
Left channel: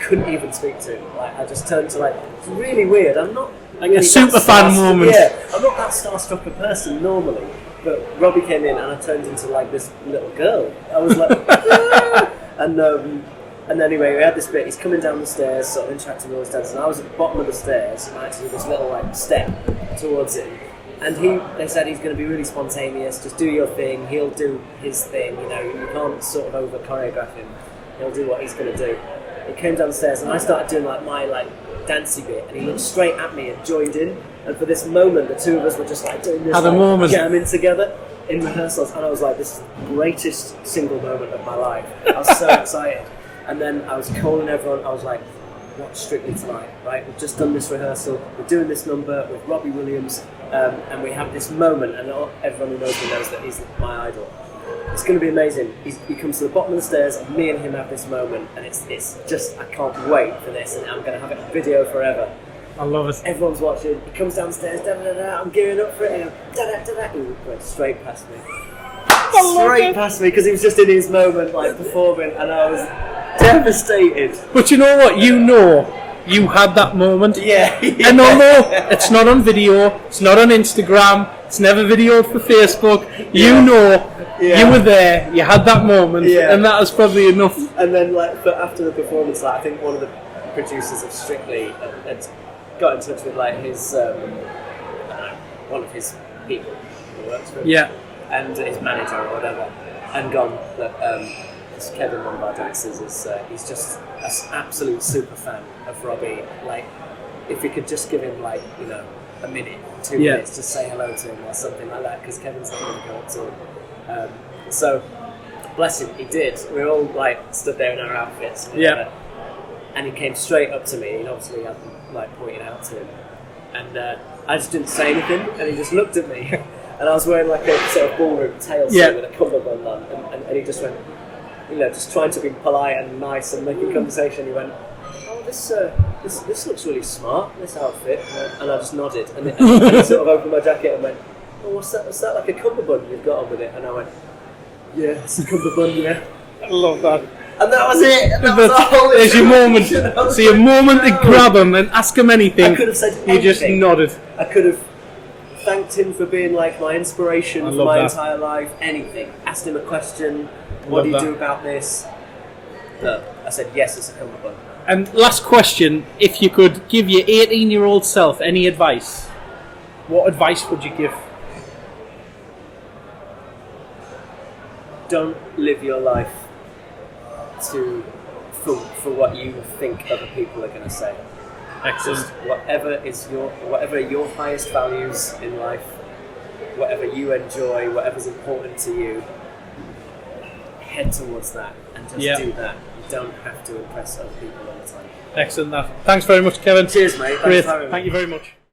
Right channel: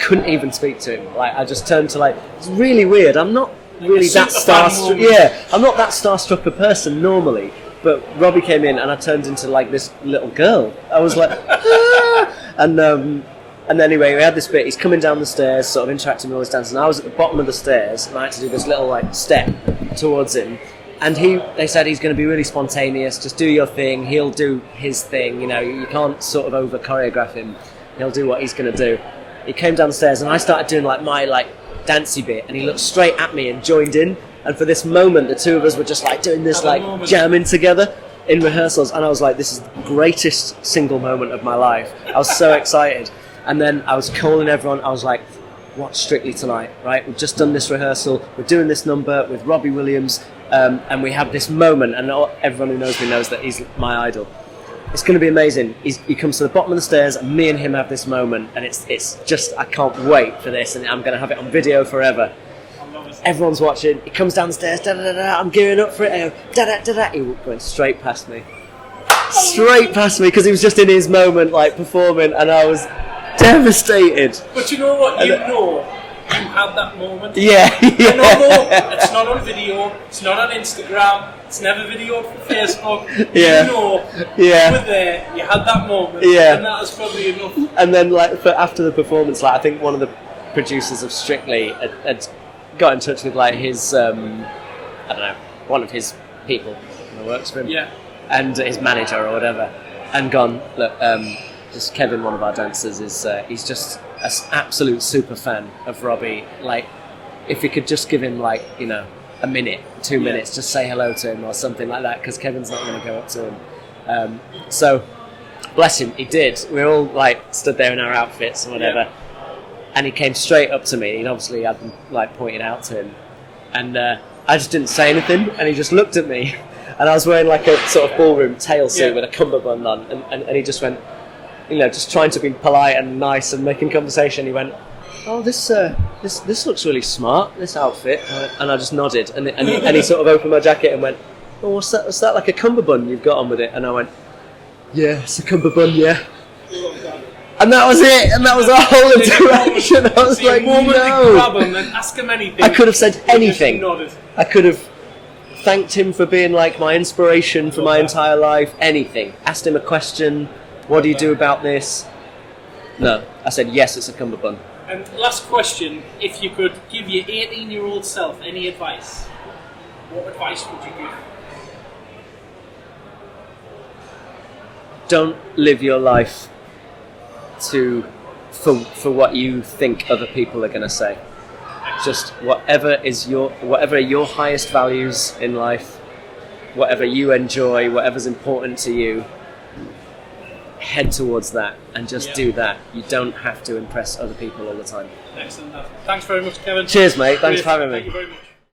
couldn't even speak to him. Like, I just turned to, like, it's really weird. I'm not Like a super fan moment. Yeah, I'm not that starstruck a person normally, but Robbie came in and I turned into like this little girl. I was like, ah! And anyway, we had this bit. He's coming down the stairs, sort of interacting with all his dancers, and I was at the bottom of the stairs, and I had to do this little like step towards him. And they said he's going to be really spontaneous. Just do your thing. He'll do his thing. You know, you can't sort of over choreograph him. He'll do what he's going to do. He came down the stairs, and I started doing like my dancey bit, and he looked straight at me and joined in. And for this moment, the two of us were just like doing this, like jamming together in rehearsals. And I was like, this is the greatest single moment of my life. I was so excited. And then I was calling everyone. I was like, watch Strictly tonight, right? We've just done this rehearsal. We're doing this number with Robbie Williams. And we have this moment, and everyone who knows me knows that he's my idol. It's going to be amazing. He comes to the bottom of the stairs, and me and him have this moment, and it's just, I can't wait for this, and I'm going to have it on video forever. I love it. Everyone's watching. He comes downstairs, da-da-da-da, I'm gearing up for it, and da-da-da-da. He went straight past me. Straight past me, because he was just in his moment, like, performing, and I was devastated. But you know what? You had that moment. Yeah. And no, it's not on video, it's not on Instagram, it's never videoed for Facebook. Yeah. You were there, you had that moment, and that was probably enough. And then, like, after the performance, like, I think one of the producers of Strictly had got in touch with, like, his, I don't know, one of his people who works for him. Yeah. And his manager or whatever, and gone, look, just Kevin, one of our dancers, he's just an absolute super fan of Robbie. Like, if we could just give him, like, you know, a minute, 2 minutes, just say hello to him or something like that, because Kevin's not going to go up to him. So, bless him, he did. We all, like, stood there in our outfits and whatever, and he came straight up to me. He'd obviously had, like, pointed out to him, and I just didn't say anything, and he just looked at me, and I was wearing, like, a sort of ballroom tail suit with a cummerbund on, and he just went, you know, just trying to be polite and nice and making conversation. He went, "Oh, this looks really smart, this outfit," and I just nodded, and he sort of opened my jacket and went, "Oh, what's that? What's that, like a cummerbund you've got on with it?" And I went, "Yeah, it's a cummerbund, yeah." I love that. And that was it, and that was our whole moment. So your moment to grab him and ask him anything. I could have said anything. You just nodded. I could have thanked him for being, like, my inspiration for my entire life. Anything. Asked him a question. What do you do about this? No. I said, yes, it's a cummerbund. And last question, if you could give your 18-year-old self any advice, what advice would you give? Don't live your life for what you think other people are going to say. Excellent. Just whatever are your highest values in life, whatever you enjoy, whatever's important to you, head towards that and just do that. You don't have to impress other people all the time. Excellent. Thanks very much, Kevin. Cheers, mate. Thanks for having me. Thank you very much.